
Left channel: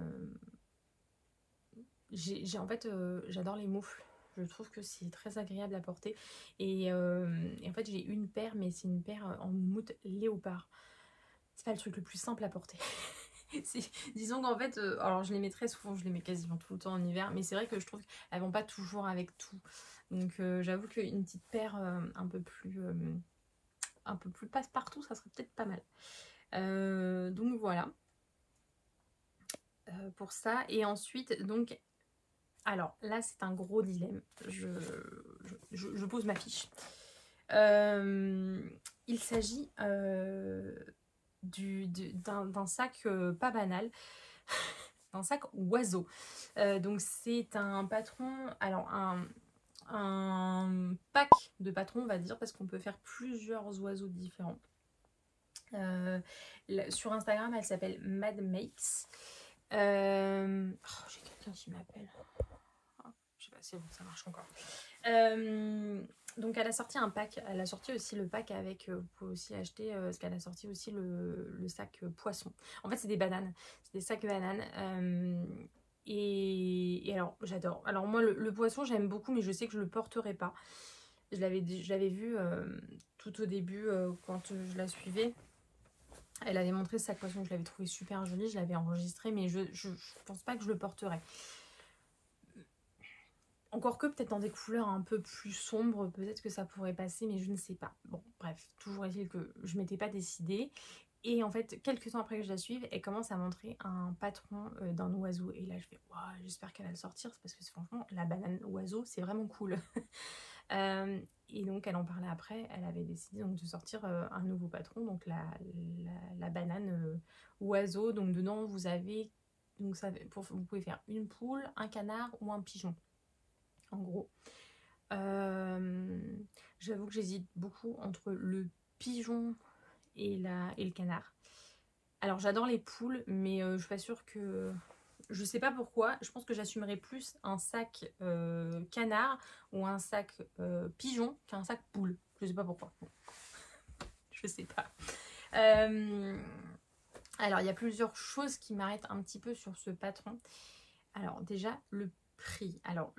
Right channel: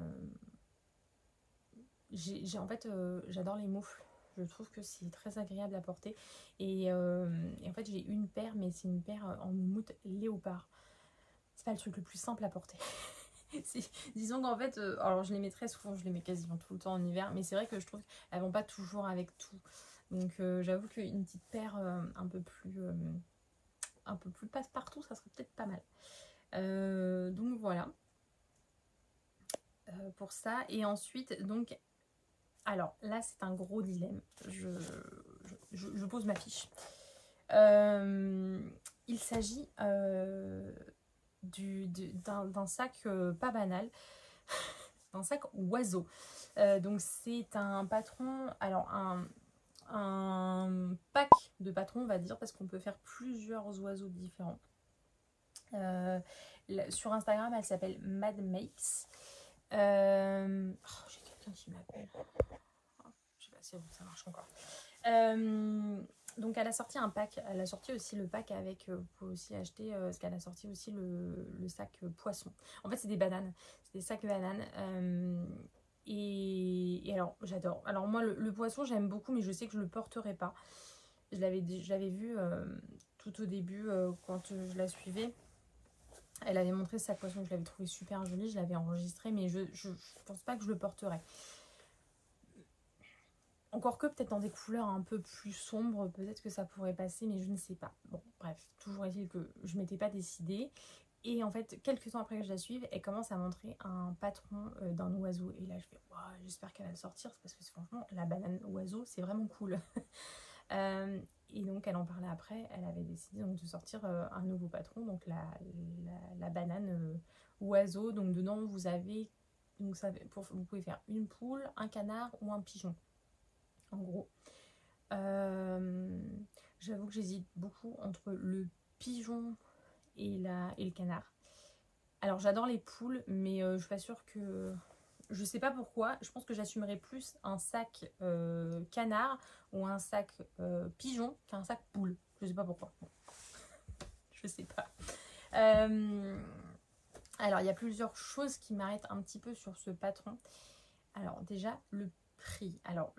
fait, j'adore les moufles. Je trouve que c'est très agréable à porter. Et en fait, j'ai une paire, mais c'est une paire en moumoute léopard. C'est pas le truc le plus simple à porter. Disons qu'en fait, alors je les mets très souvent, je les mets quasiment tout le temps en hiver, mais c'est vrai que je trouve qu'elles vont pas toujours avec tout. Donc j'avoue qu'une petite paire un peu plus passe-partout, ça serait peut-être pas mal. Donc voilà. Pour ça. Et ensuite, donc, alors là c'est un gros dilemme. Je pose ma fiche. Il s'agit d'un sac pas banal, d'un sac oiseau. Donc c'est un patron, alors un pack de patrons, on va dire, parce qu'on peut faire plusieurs oiseaux différents. Sur Instagram, elle s'appelle Mad Makes. J'ai quelqu'un qui m'appelle. Je sais pas si ça marche encore. Donc elle a sorti un pack, elle a sorti aussi le pack avec, vous pouvez aussi acheter, parce qu'elle a sorti aussi le sac poisson. En fait c'est des bananes, c'est des sacs bananes. Et alors j'adore. Alors moi le poisson j'aime beaucoup, mais je sais que je le porterai pas. Je l'avais vu tout au début quand je la suivais. Elle avait montré ce sac poisson, je l'avais trouvé super joli, je l'avais enregistré, mais je pense pas que je le porterai. Encore que peut-être dans des couleurs un peu plus sombres, peut-être que ça pourrait passer, mais je ne sais pas. Bon, bref, toujours est-il que je ne m'étais pas décidée. Et en fait, quelques temps après que je la suive, elle commence à montrer un patron d'un oiseau. Et là, je fais, wow, j'espère qu'elle va le sortir, parce que franchement, la banane oiseau, c'est vraiment cool. Et donc, elle en parlait après, elle avait décidé donc de sortir un nouveau patron, donc la banane oiseau. Donc dedans, vous avez, donc ça, vous pouvez faire une poule, un canard ou un pigeon. En gros, j'avoue que j'hésite beaucoup entre le pigeon et le canard. Alors j'adore les poules, mais je suis pas sûre que... Je sais pas pourquoi, je pense que j'assumerais plus un sac canard ou un sac pigeon qu'un sac poule. Je sais pas pourquoi. Bon. Je sais pas. Alors il y a plusieurs choses qui m'arrêtent un petit peu sur ce patron. Alors déjà, le prix. Alors,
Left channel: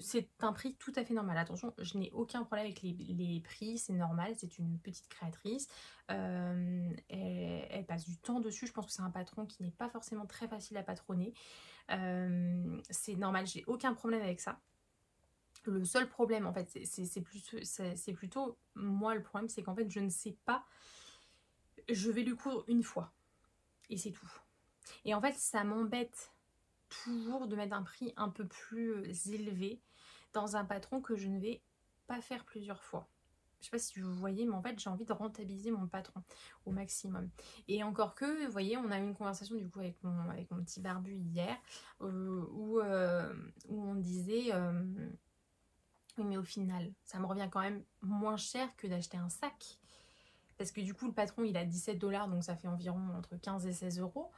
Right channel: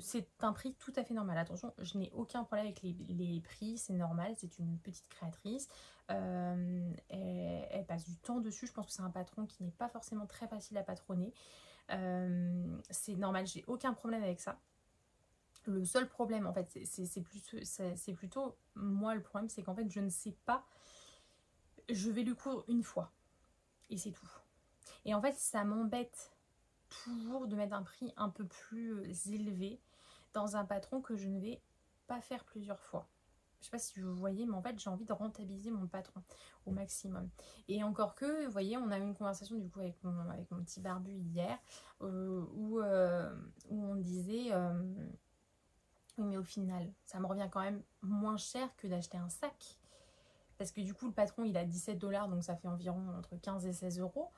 c'est un prix tout à fait normal. Attention, je n'ai aucun problème avec les prix, c'est normal, c'est une petite créatrice. Elle passe du temps dessus. Je pense que c'est un patron qui n'est pas forcément très facile à patronner. C'est normal, j'ai aucun problème avec ça. Le seul problème, en fait, c'est plutôt moi le problème, c'est qu'en fait, je ne sais pas. Je vais lui coudre une fois. Et c'est tout. Et en fait, ça m'embête toujours de mettre un prix un peu plus élevé dans un patron que je ne vais pas faire plusieurs fois. Je sais pas si vous voyez, mais en fait j'ai envie de rentabiliser mon patron au maximum. Et encore que, vous voyez, on a eu une conversation du coup avec mon petit barbu hier où on disait oui, mais au final ça me revient quand même moins cher que d'acheter un sac, parce que du coup le patron il a 17 $, donc ça fait environ entre 15 et 16 euros.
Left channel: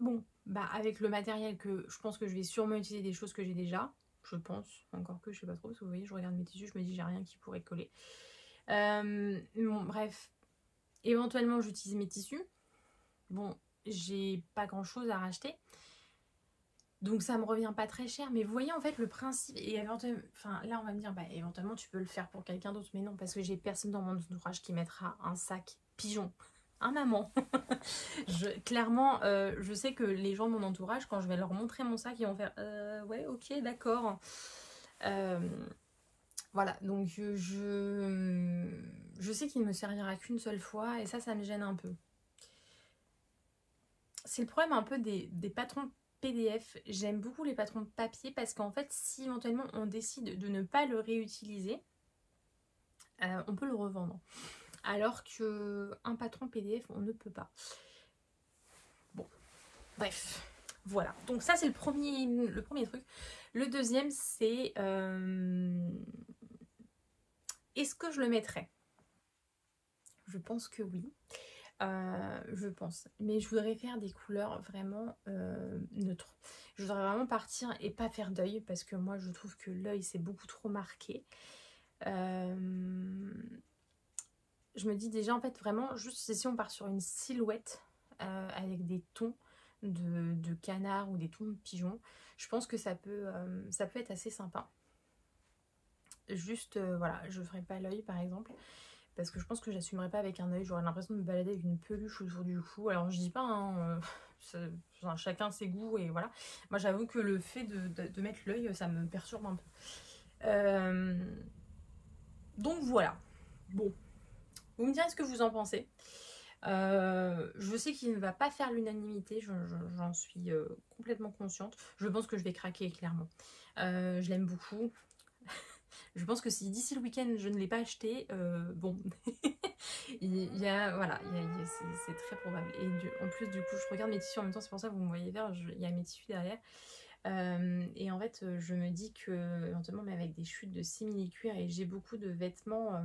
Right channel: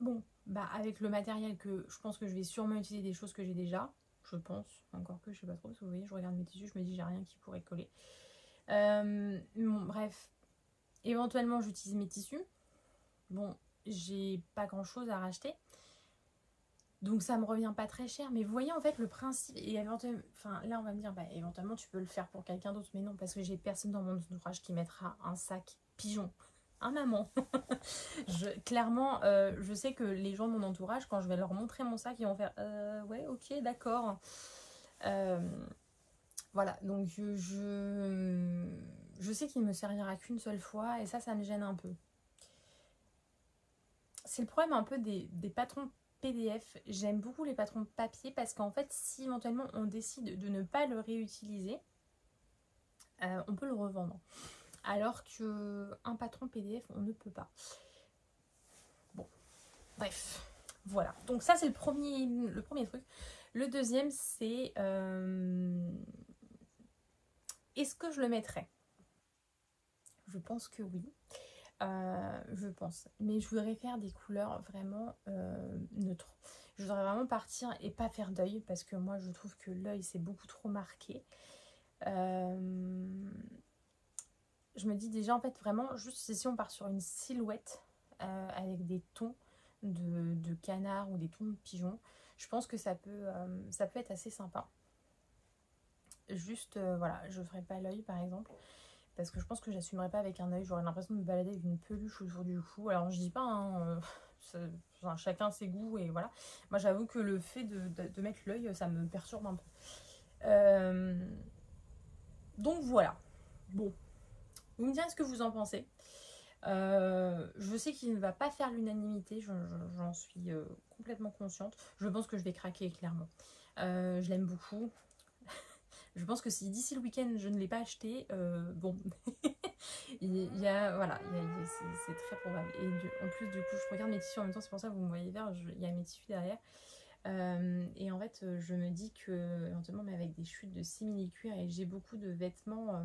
Bon, bah avec le matériel que je pense que je vais sûrement utiliser des choses que j'ai déjà, je pense, encore que je sais pas trop, parce que vous voyez, je regarde mes tissus, je me dis j'ai rien qui pourrait coller. Bon, bref, éventuellement j'utilise mes tissus. Bon, j'ai pas grand chose à racheter, donc ça me revient pas très cher, mais vous voyez en fait le principe, et éventuellement, enfin là on va me dire, bah éventuellement tu peux le faire pour quelqu'un d'autre, mais non, parce que j'ai personne dans mon entourage qui mettra un sac pigeon. Un maman. Clairement, je sais que les gens de mon entourage, quand je vais leur montrer mon sac, ils vont faire ouais, ok, d'accord. Voilà, donc je sais qu'il ne me servira qu'une seule fois, et ça me gêne un peu. C'est le problème un peu des patrons PDF. J'aime beaucoup les patrons papier parce qu'en fait, si éventuellement on décide de ne pas le réutiliser, on peut le revendre. Alors qu'un patron PDF, on ne peut pas. Bon, bref, voilà. Donc ça, c'est le premier truc. Le deuxième, c'est... est-ce que je le mettrais? Je pense que oui. Je pense. Mais je voudrais faire des couleurs vraiment neutres. Je voudrais vraiment partir et pas faire d'œil, parce que moi, je trouve que l'œil, c'est beaucoup trop marqué. Je me dis déjà en fait vraiment juste si on part sur une silhouette avec des tons de canard ou des tons de pigeon, je pense que ça peut être assez sympa. Juste voilà, je ferai pas l'œil par exemple, parce que je pense que j'assumerai pas avec un œil, j'aurais l'impression de me balader avec une peluche autour du cou. Alors je dis pas hein, enfin, chacun ses goûts et voilà. Moi j'avoue que le fait de mettre l'œil, ça me perturbe un peu. Donc voilà. Bon. Vous me direz ce que vous en pensez. Je sais qu'il ne va pas faire l'unanimité, j'en suis complètement consciente. Je pense que je vais craquer clairement. Je l'aime beaucoup. Je pense que si d'ici le week-end je ne l'ai pas acheté, bon, voilà, c'est très probable. Et en plus du coup je regarde mes tissus en même temps, c'est pour ça que vous me voyez faire, il y a mes tissus derrière. Et en fait je me dis que éventuellement, mais avec des chutes de simili-cuir, et j'ai beaucoup de vêtements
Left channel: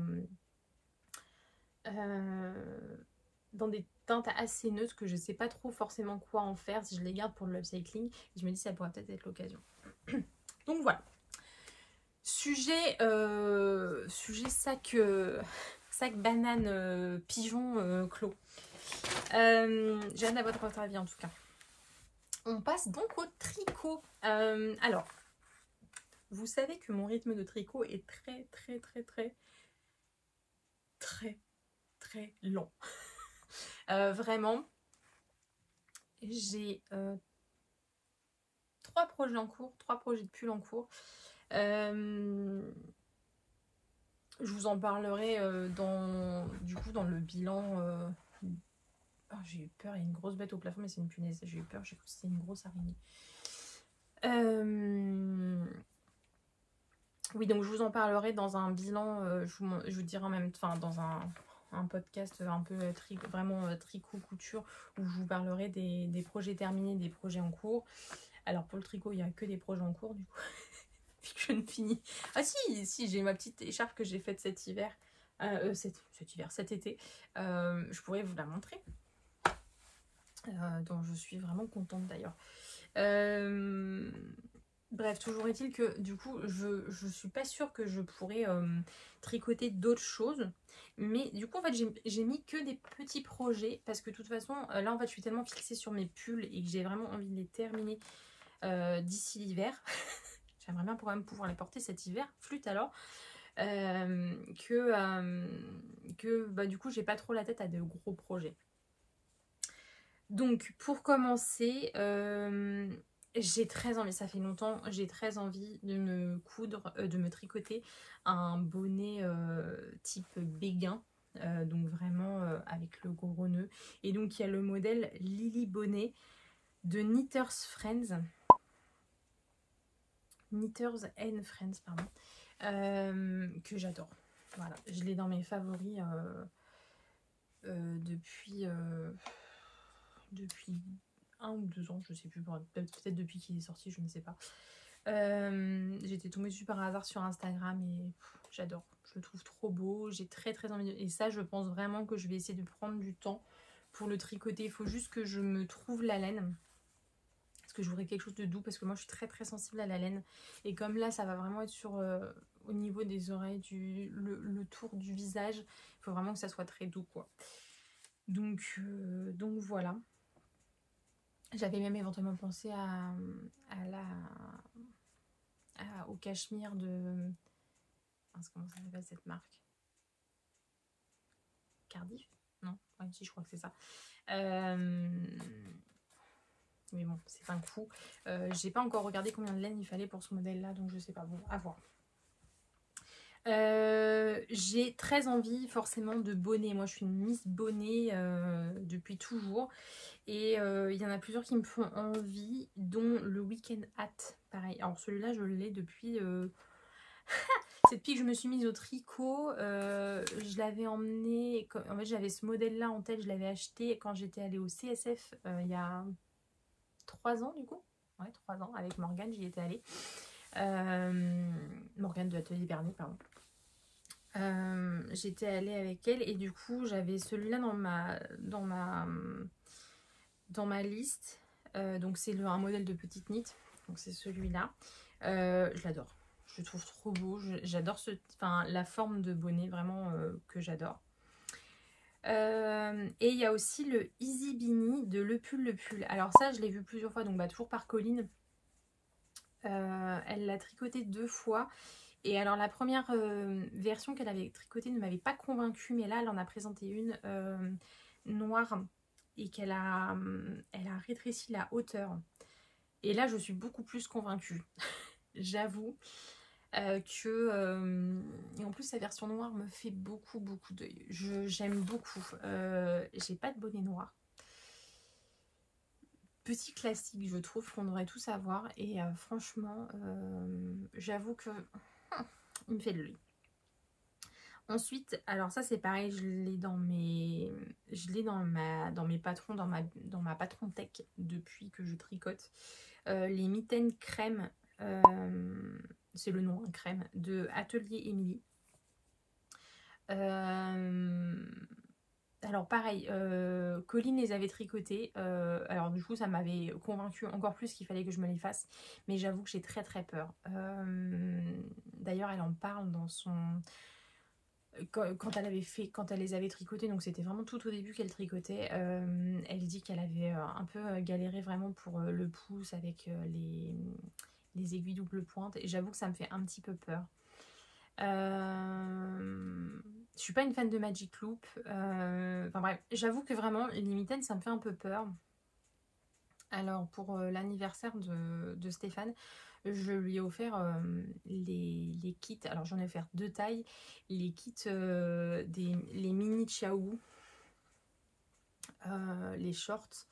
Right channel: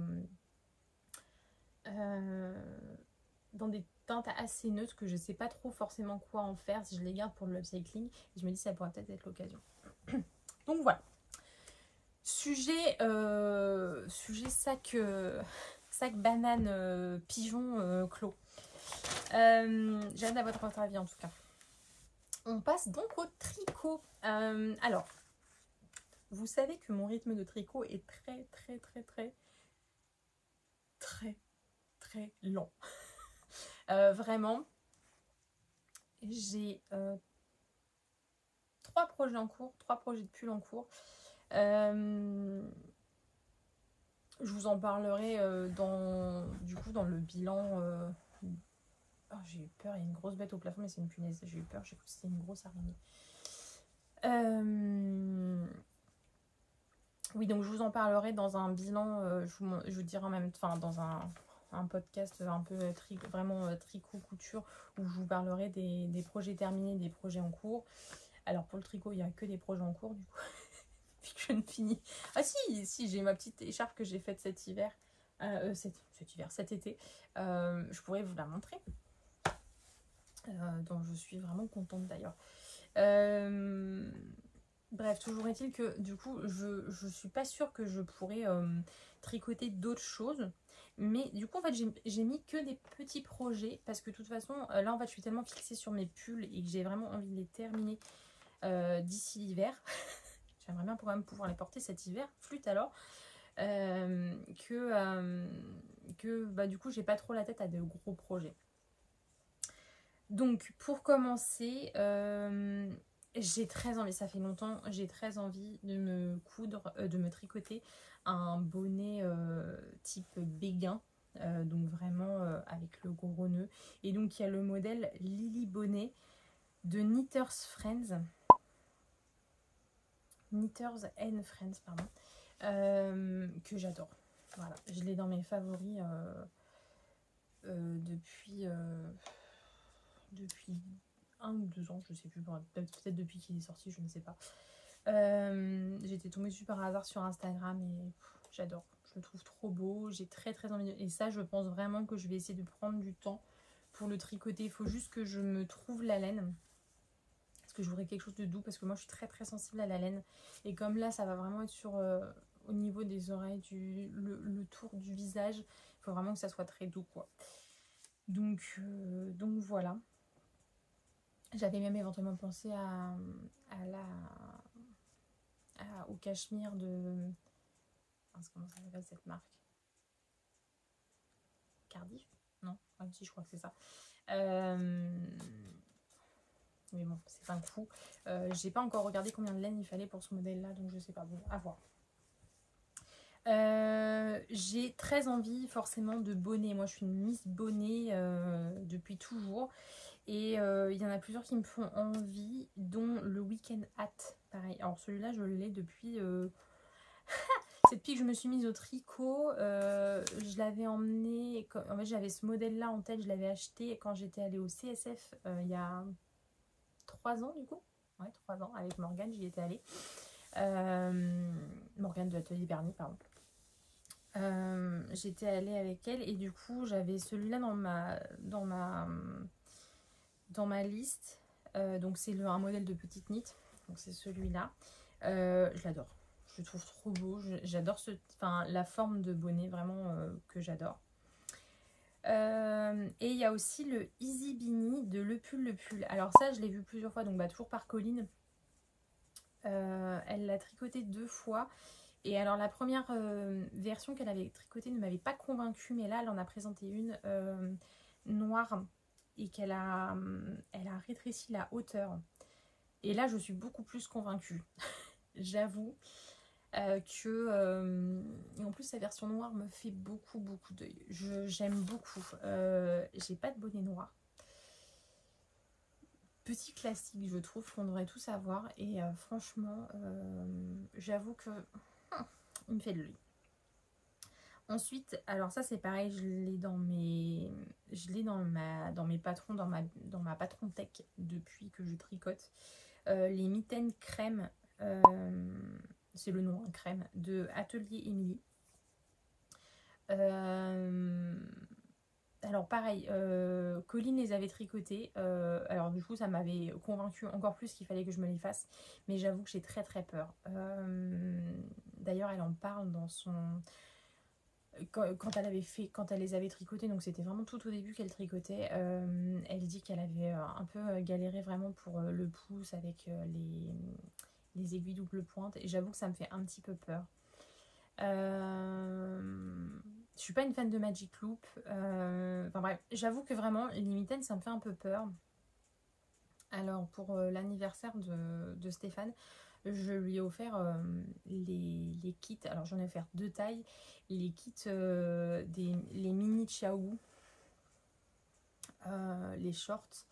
dans des teintes assez neutres que je sais pas trop forcément quoi en faire si je les garde pour le upcycling, et je me dis ça pourrait peut-être être l'occasion. Donc voilà. Sujet sac banane pigeon clos. J'ai hâte d'avoir votre avis en tout cas. On passe donc au tricot. Alors, vous savez que mon rythme de tricot est très lent. Vraiment, j'ai 3 projets en cours, 3 projets de pull en cours. Je vous en parlerai dans le bilan. Oh, j'ai eu peur, il y a une grosse bête au plafond, mais c'est une punaise. J'ai eu peur, j'ai cru que c'était une grosse araignée. Oui, donc je vous en parlerai dans un bilan. Je vous dirai en même temps, dans un podcast un peu vraiment tricot couture, où je vous parlerai des projets terminés, des projets en cours. Alors pour le tricot, il n'y a que des projets en cours du coup. Je ne finis. Ah si, j'ai ma petite écharpe que j'ai faite cet hiver. Cet été. Je pourrais vous la montrer. Dont je suis vraiment contente d'ailleurs. Bref, toujours est-il que du coup, je suis pas sûre que je pourrais tricoter d'autres choses. Mais du coup, en fait, j'ai mis que des petits projets. Parce que de toute façon, là, en fait, je suis tellement fixée sur mes pulls et que j'ai vraiment envie de les terminer d'ici l'hiver. J'aimerais bien pouvoir les porter cet hiver, flûte alors, que du coup j'ai pas trop la tête à de gros projets. Donc pour commencer, j'ai très envie, ça fait longtemps, j'ai très envie de me coudre, de me tricoter un bonnet type béguin. Donc vraiment avec le gros nœud. Et donc il y a le modèle Lily Bonnet de Knitters Friends. Knitters and Friends, pardon, que j'adore. Voilà, je l'ai dans mes favoris depuis 1 ou 2 ans, je sais plus, peut-être depuis qu'il est sorti, je ne sais pas. J'étais tombée dessus par hasard sur Instagram et j'adore, je le trouve trop beau, j'ai très envie et ça je pense vraiment que je vais essayer de prendre du temps pour le tricoter. Il faut juste que je me trouve la laine. Que je voudrais quelque chose de doux parce que moi je suis très sensible à la laine et comme là ça va vraiment être sur au niveau des oreilles, le tour du visage, il faut vraiment que ça soit très doux quoi. Donc voilà, j'avais même éventuellement pensé au cachemire de comment ça s'appelle cette marque, Cardiff, non, ouais, si, je crois que c'est ça. Mais bon, c'est un coup. J'ai pas encore regardé combien de laine il fallait pour ce modèle-là, donc je sais pas. Bon, à voir. J'ai très envie forcément de bonnet. Moi, je suis une Miss Bonnet depuis toujours. Et il y en a plusieurs qui me font envie, dont le Weekend Hat. Pareil. Alors celui-là, je l'ai depuis... C'est depuis que je me suis mise au tricot. Je l'avais emmené... En fait, j'avais ce modèle-là en tête. Je l'avais acheté quand j'étais allée au CSF il y a... 3 ans du coup, ouais, 3 ans avec Morgane, j'y étais allée. Morgane de l'atelier Bernier, pardon. J'étais allée avec elle et du coup j'avais celui-là dans ma liste. Donc c'est un modèle de petite knit, donc c'est celui-là. Je l'adore, je le trouve trop beau. J'adore la forme de bonnet, vraiment que j'adore. Et il y a aussi le Easy Beanie de Le Pull. Alors ça je l'ai vu plusieurs fois, donc toujours par Colline. Elle l'a tricoté 2 fois. Et alors la première version qu'elle avait tricotée ne m'avait pas convaincue, mais là elle en a présenté une noire et elle a rétréci la hauteur. Et là je suis beaucoup plus convaincue. J'avoue. Et en plus sa version noire me fait beaucoup d'œil. J'aime beaucoup. J'ai pas de bonnet noir. Petit classique, je trouve qu'on devrait tous avoir. Et franchement, j'avoue que il me fait de l'œil. Ensuite, alors ça c'est pareil, je l'ai dans mes patrons, dans ma patron tech depuis que je tricote. Les mitaines crème. C'est le nom, crème, de Atelier Émilie. Alors Alors pareil, Colline les avait tricotés. Alors du coup, ça m'avait convaincu encore plus qu'il fallait que je me les fasse. Mais j'avoue que j'ai très très peur. D'ailleurs, elle en parle dans son... Quand elle les avait tricotés, donc c'était vraiment tout au début qu'elle tricotait, elle dit qu'elle avait un peu galéré vraiment pour le pouce avec les aiguilles double pointe. Et j'avoue que ça me fait un petit peu peur. Je suis pas une fan de Magic Loop. Enfin bref, j'avoue que vraiment, les mitaines, ça me fait un peu peur. Alors pour l'anniversaire de Stéphane, je lui ai offert les kits. Alors j'en ai offert 2 tailles. Les kits, les mini Chiaou, les shorts.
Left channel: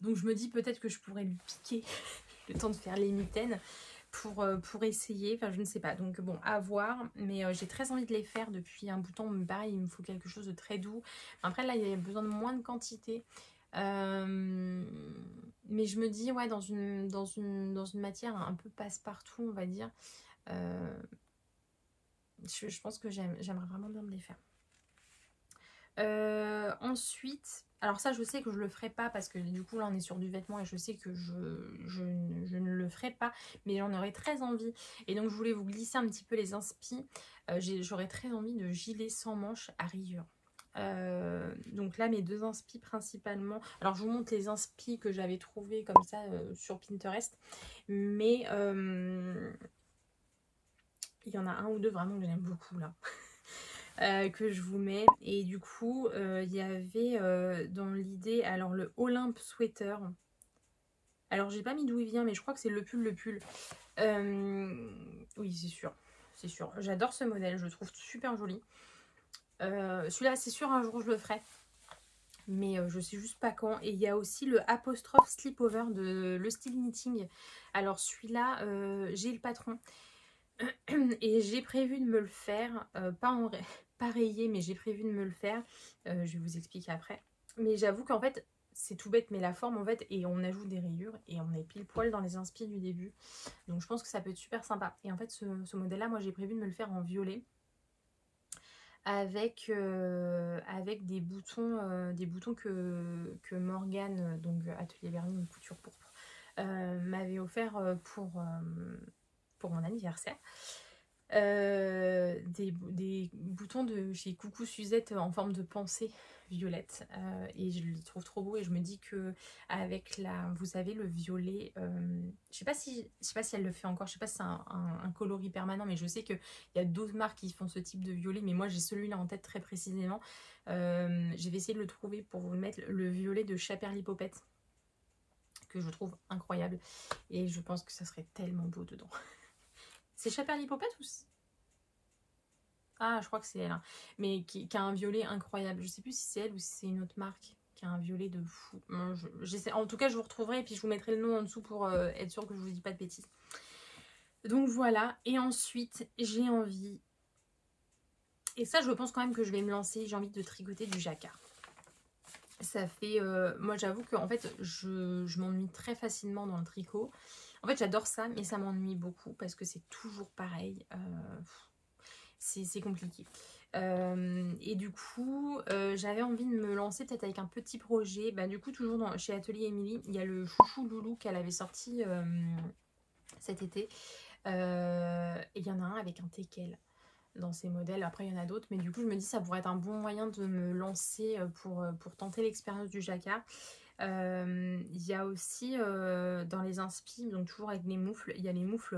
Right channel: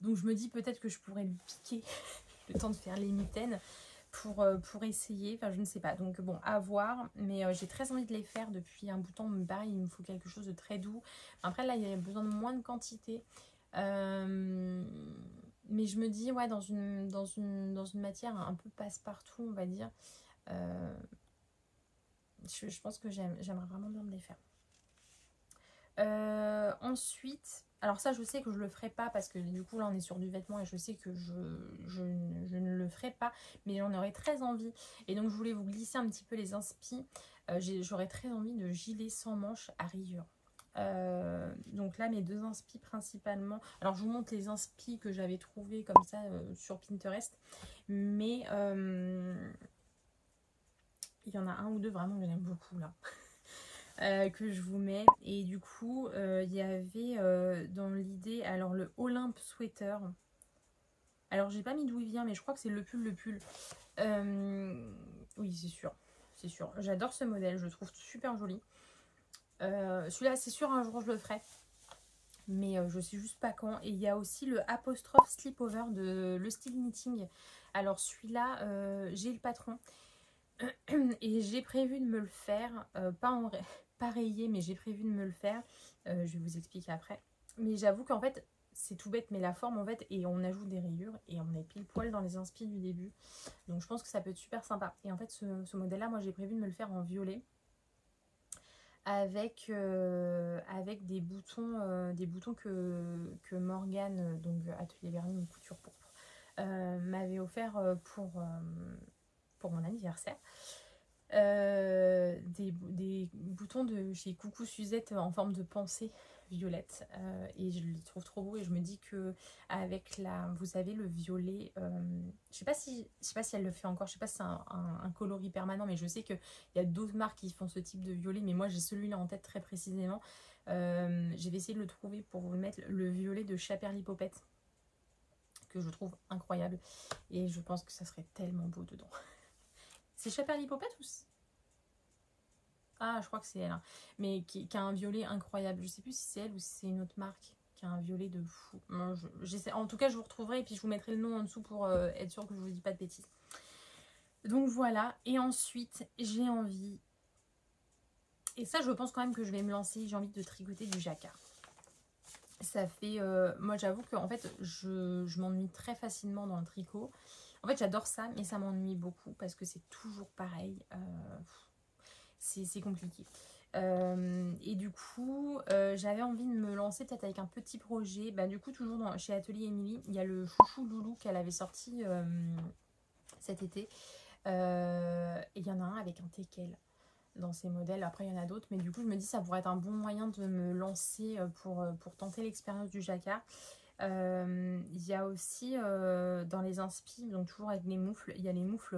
Donc je me dis peut-être que je pourrais lui piquer le temps de faire les mitaines pour essayer. Enfin je ne sais pas. Donc bon, à voir. Mais j'ai très envie de les faire depuis un bout de temps. Pareil, il me faut quelque chose de très doux. Après là, il y a besoin de moins de quantité. Mais je me dis, ouais, dans une matière un peu passe-partout, on va dire, je pense que j'aimerais vraiment bien me les faire. Ensuite, alors ça, je sais que je le ferai pas parce que du coup, là, on est sur du vêtement et je sais que je ne le ferai pas, mais j'en aurais très envie. Et donc, je voulais vous glisser un petit peu les inspi. J'aurais très envie de gilet sans manches à rayures. Donc là mes 2 inspi principalement, alors je vous montre les inspi que j'avais trouvé comme ça sur Pinterest, mais il y en a un ou deux vraiment que j'aime beaucoup là. Que je vous mets. Et du coup il y avait dans l'idée alors le Olympe Sweater, alors j'ai pas mis d'où il vient mais je crois que c'est le pull. Oui c'est sûr, j'adore ce modèle, je le trouve super joli. Celui-là c'est sûr un jour je le ferai, mais je sais juste pas quand. Et il y a aussi le apostrophe slipover de Le Style Knitting. Alors celui-là j'ai le patron et j'ai prévu de me le faire, pas rayé, mais j'ai prévu de me le faire. Je vais vous expliquer après. Mais j'avoue qu'en fait c'est tout bête, mais la forme en fait, et on ajoute des rayures et on est pile poil dans les inspi du début, donc je pense que ça peut être super sympa. Et en fait ce modèle là, moi j'ai prévu de me le faire en violet avec des boutons que Morgane, donc Atelier Vernis Couture Pourpre, m'avait offert pour mon anniversaire. Des boutons de chez Coucou Suzette en forme de pensée violette, et je les trouve trop beaux. Et je me dis que avec vous savez, le violet, je sais pas si elle le fait encore, je sais pas si c'est un coloris permanent, mais je sais qu'il y a d'autres marques qui font ce type de violet, mais moi j'ai celui-là en tête très précisément. Je vais essayer de le trouver pour vous le mettre, le violet de Chaperly Popette, que je trouve incroyable, et je pense que ça serait tellement beau dedans. C'est Chaperly Popette ou... Ah, je crois que c'est elle, hein. Mais qui a un violet incroyable. Je sais plus si c'est elle ou si c'est une autre marque qui a un violet de fou. En tout cas, je vous retrouverai et puis je vous mettrai le nom en dessous pour être sûre que je vous dis pas de bêtises. Donc voilà. Et ensuite, j'ai envie... Et ça, je pense quand même que je vais me lancer. J'ai envie de tricoter du jacquard. Ça fait... moi, j'avoue que en fait, je m'ennuie très facilement dans le tricot. En fait, j'adore ça, mais ça m'ennuie beaucoup parce que c'est toujours pareil. C'est compliqué. Et du coup, j'avais envie de me lancer peut-être avec un petit projet. Bah, du coup, toujours chez Atelier Émilie, il y a le chouchou loulou qu'elle avait sorti cet été. Et il y en a un avec un teckel dans ces modèles. Après, il y en a d'autres. Mais du coup, je me dis ça pourrait être un bon moyen de me lancer pour tenter l'expérience du jacquard. Il y a aussi dans les inspi, donc toujours avec les moufles, il y a les moufles,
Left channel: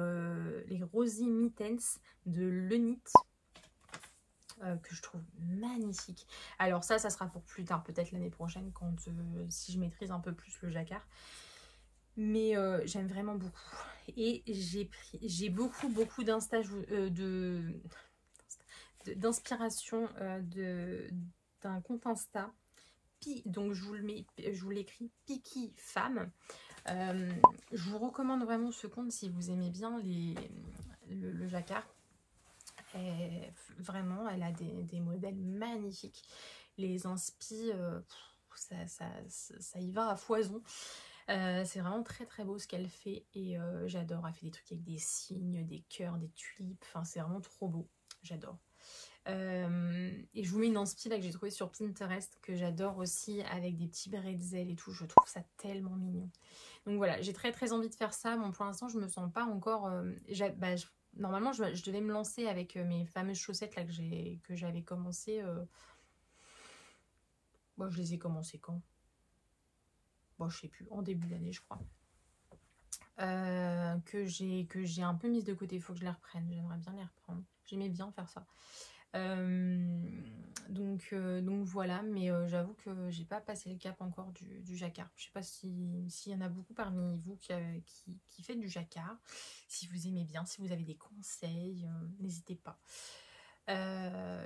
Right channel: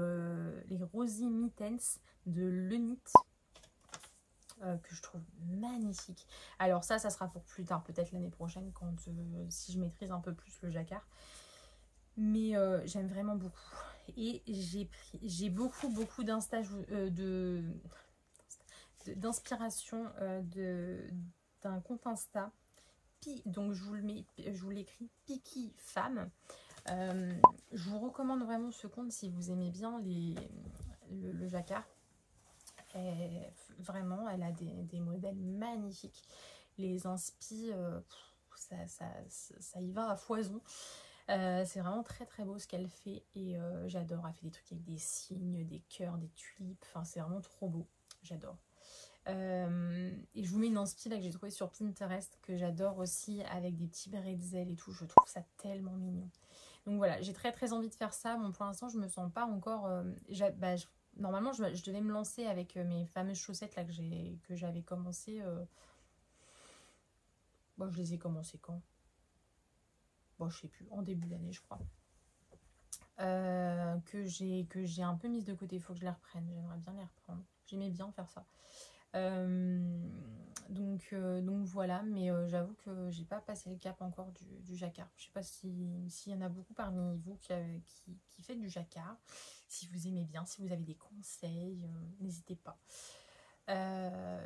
les Rosy Mittens de Lenit, que je trouve magnifique. Alors ça sera pour plus tard, peut-être l'année prochaine, quand si je maîtrise un peu plus le jacquard. Mais j'aime vraiment beaucoup. Et j'ai beaucoup d'inspiration d'un compte Insta. Donc je vous l'écris, Piki Femme. Je vous recommande vraiment ce compte si vous aimez bien le jacquard. Vraiment, elle a des modèles magnifiques. Les inspi, ça y va à foison. C'est vraiment très très beau ce qu'elle fait et j'adore. Elle fait des trucs avec des signes, des cœurs, des tulipes. Enfin, c'est vraiment trop beau. J'adore. et je vous mets une inspi là que j'ai trouvé sur Pinterest, que j'adore aussi, avec des petits bretzels et tout. Je trouve ça tellement mignon. Donc voilà, j'ai très très envie de faire ça. Bon, pour l'instant, je me sens pas encore... normalement, je devais me lancer avec mes fameuses chaussettes là que j'avais commencé. Bon, je les ai commencées quand? Bon, je sais plus, en début d'année, je crois. Que j'ai un peu mise de côté. Il faut que je les reprenne. J'aimerais bien les reprendre. J'aimais bien faire ça. Donc voilà, mais j'avoue que j'ai pas passé le cap encore du jacquard. Je sais pas s'il y en a beaucoup parmi vous qui fait du jacquard. Si vous aimez bien, si vous avez des conseils, n'hésitez pas.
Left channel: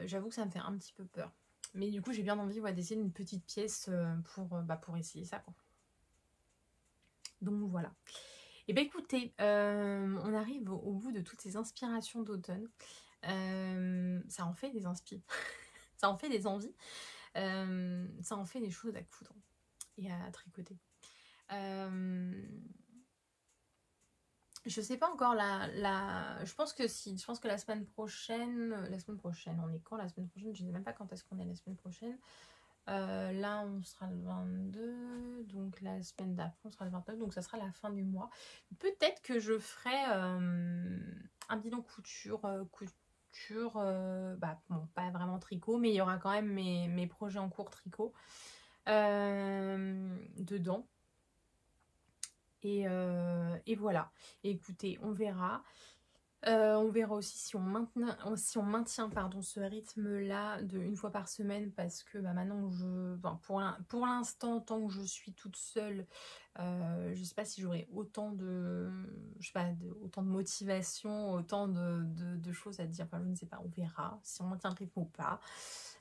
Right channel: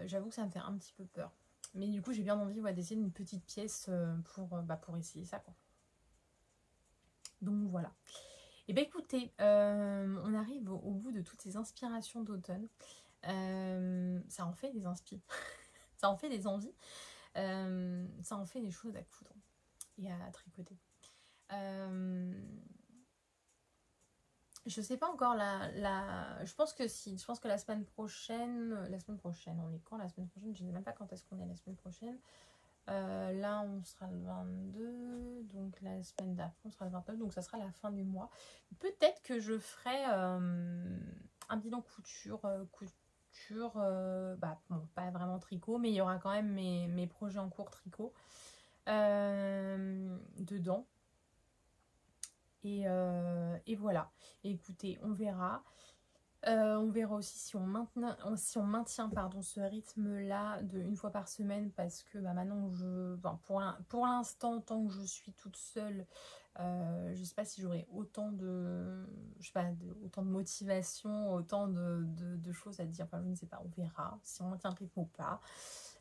J'avoue que ça me fait un petit peu peur. Mais du coup, j'ai bien envie d'essayer une petite pièce pour essayer ça, quoi. Donc voilà. Et bien écoutez, on arrive au bout de toutes ces inspirations d'automne. Ça en fait des inspi. Ça en fait des envies. Ça en fait des choses à coudre et à tricoter. Je sais pas encore je pense que la semaine prochaine, on est quand la semaine prochaine? Je ne sais même pas quand est-ce qu'on est la semaine prochaine. Là on sera le 22, donc la semaine d'après on sera le 29, donc ça sera la fin du mois. Peut-être que je ferai un bilan couture, bon, pas vraiment tricot, mais il y aura quand même mes projets en cours tricot dedans. Et voilà. Et écoutez, on verra. On verra aussi si on maintient ce rythme-là de une fois par semaine, parce que maintenant, pour l'instant, tant que je suis toute seule, je sais pas si j'aurai autant de, autant de motivation, autant de choses à dire. Enfin, je ne sais pas, on verra si on maintient le rythme ou pas.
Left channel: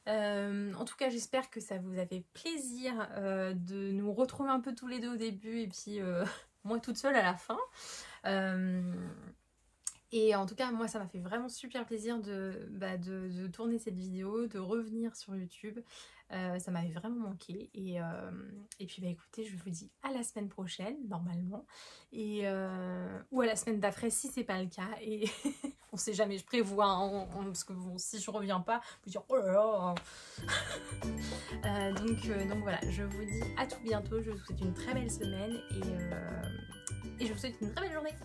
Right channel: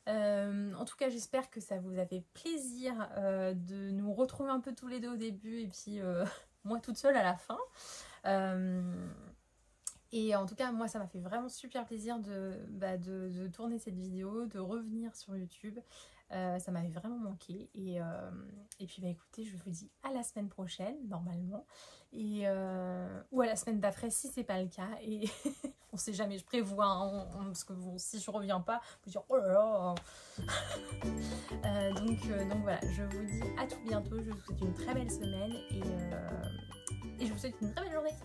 En tout cas, j'espère que ça vous a fait plaisir de nous retrouver un peu tous les deux au début et puis moi toute seule à la fin. Et en tout cas, moi, ça m'a fait vraiment super plaisir de tourner cette vidéo, de revenir sur YouTube. Ça m'avait vraiment manqué. Et puis, écoutez, je vous dis à la semaine prochaine, normalement. Ou à la semaine d'après, si c'est pas le cas. Et on sait jamais, je prévois. Hein, parce que bon, si je reviens pas, je vais dire oh là là. Donc voilà, je vous dis à tout bientôt. Je vous souhaite une très belle semaine. Et je vous souhaite une très belle journée.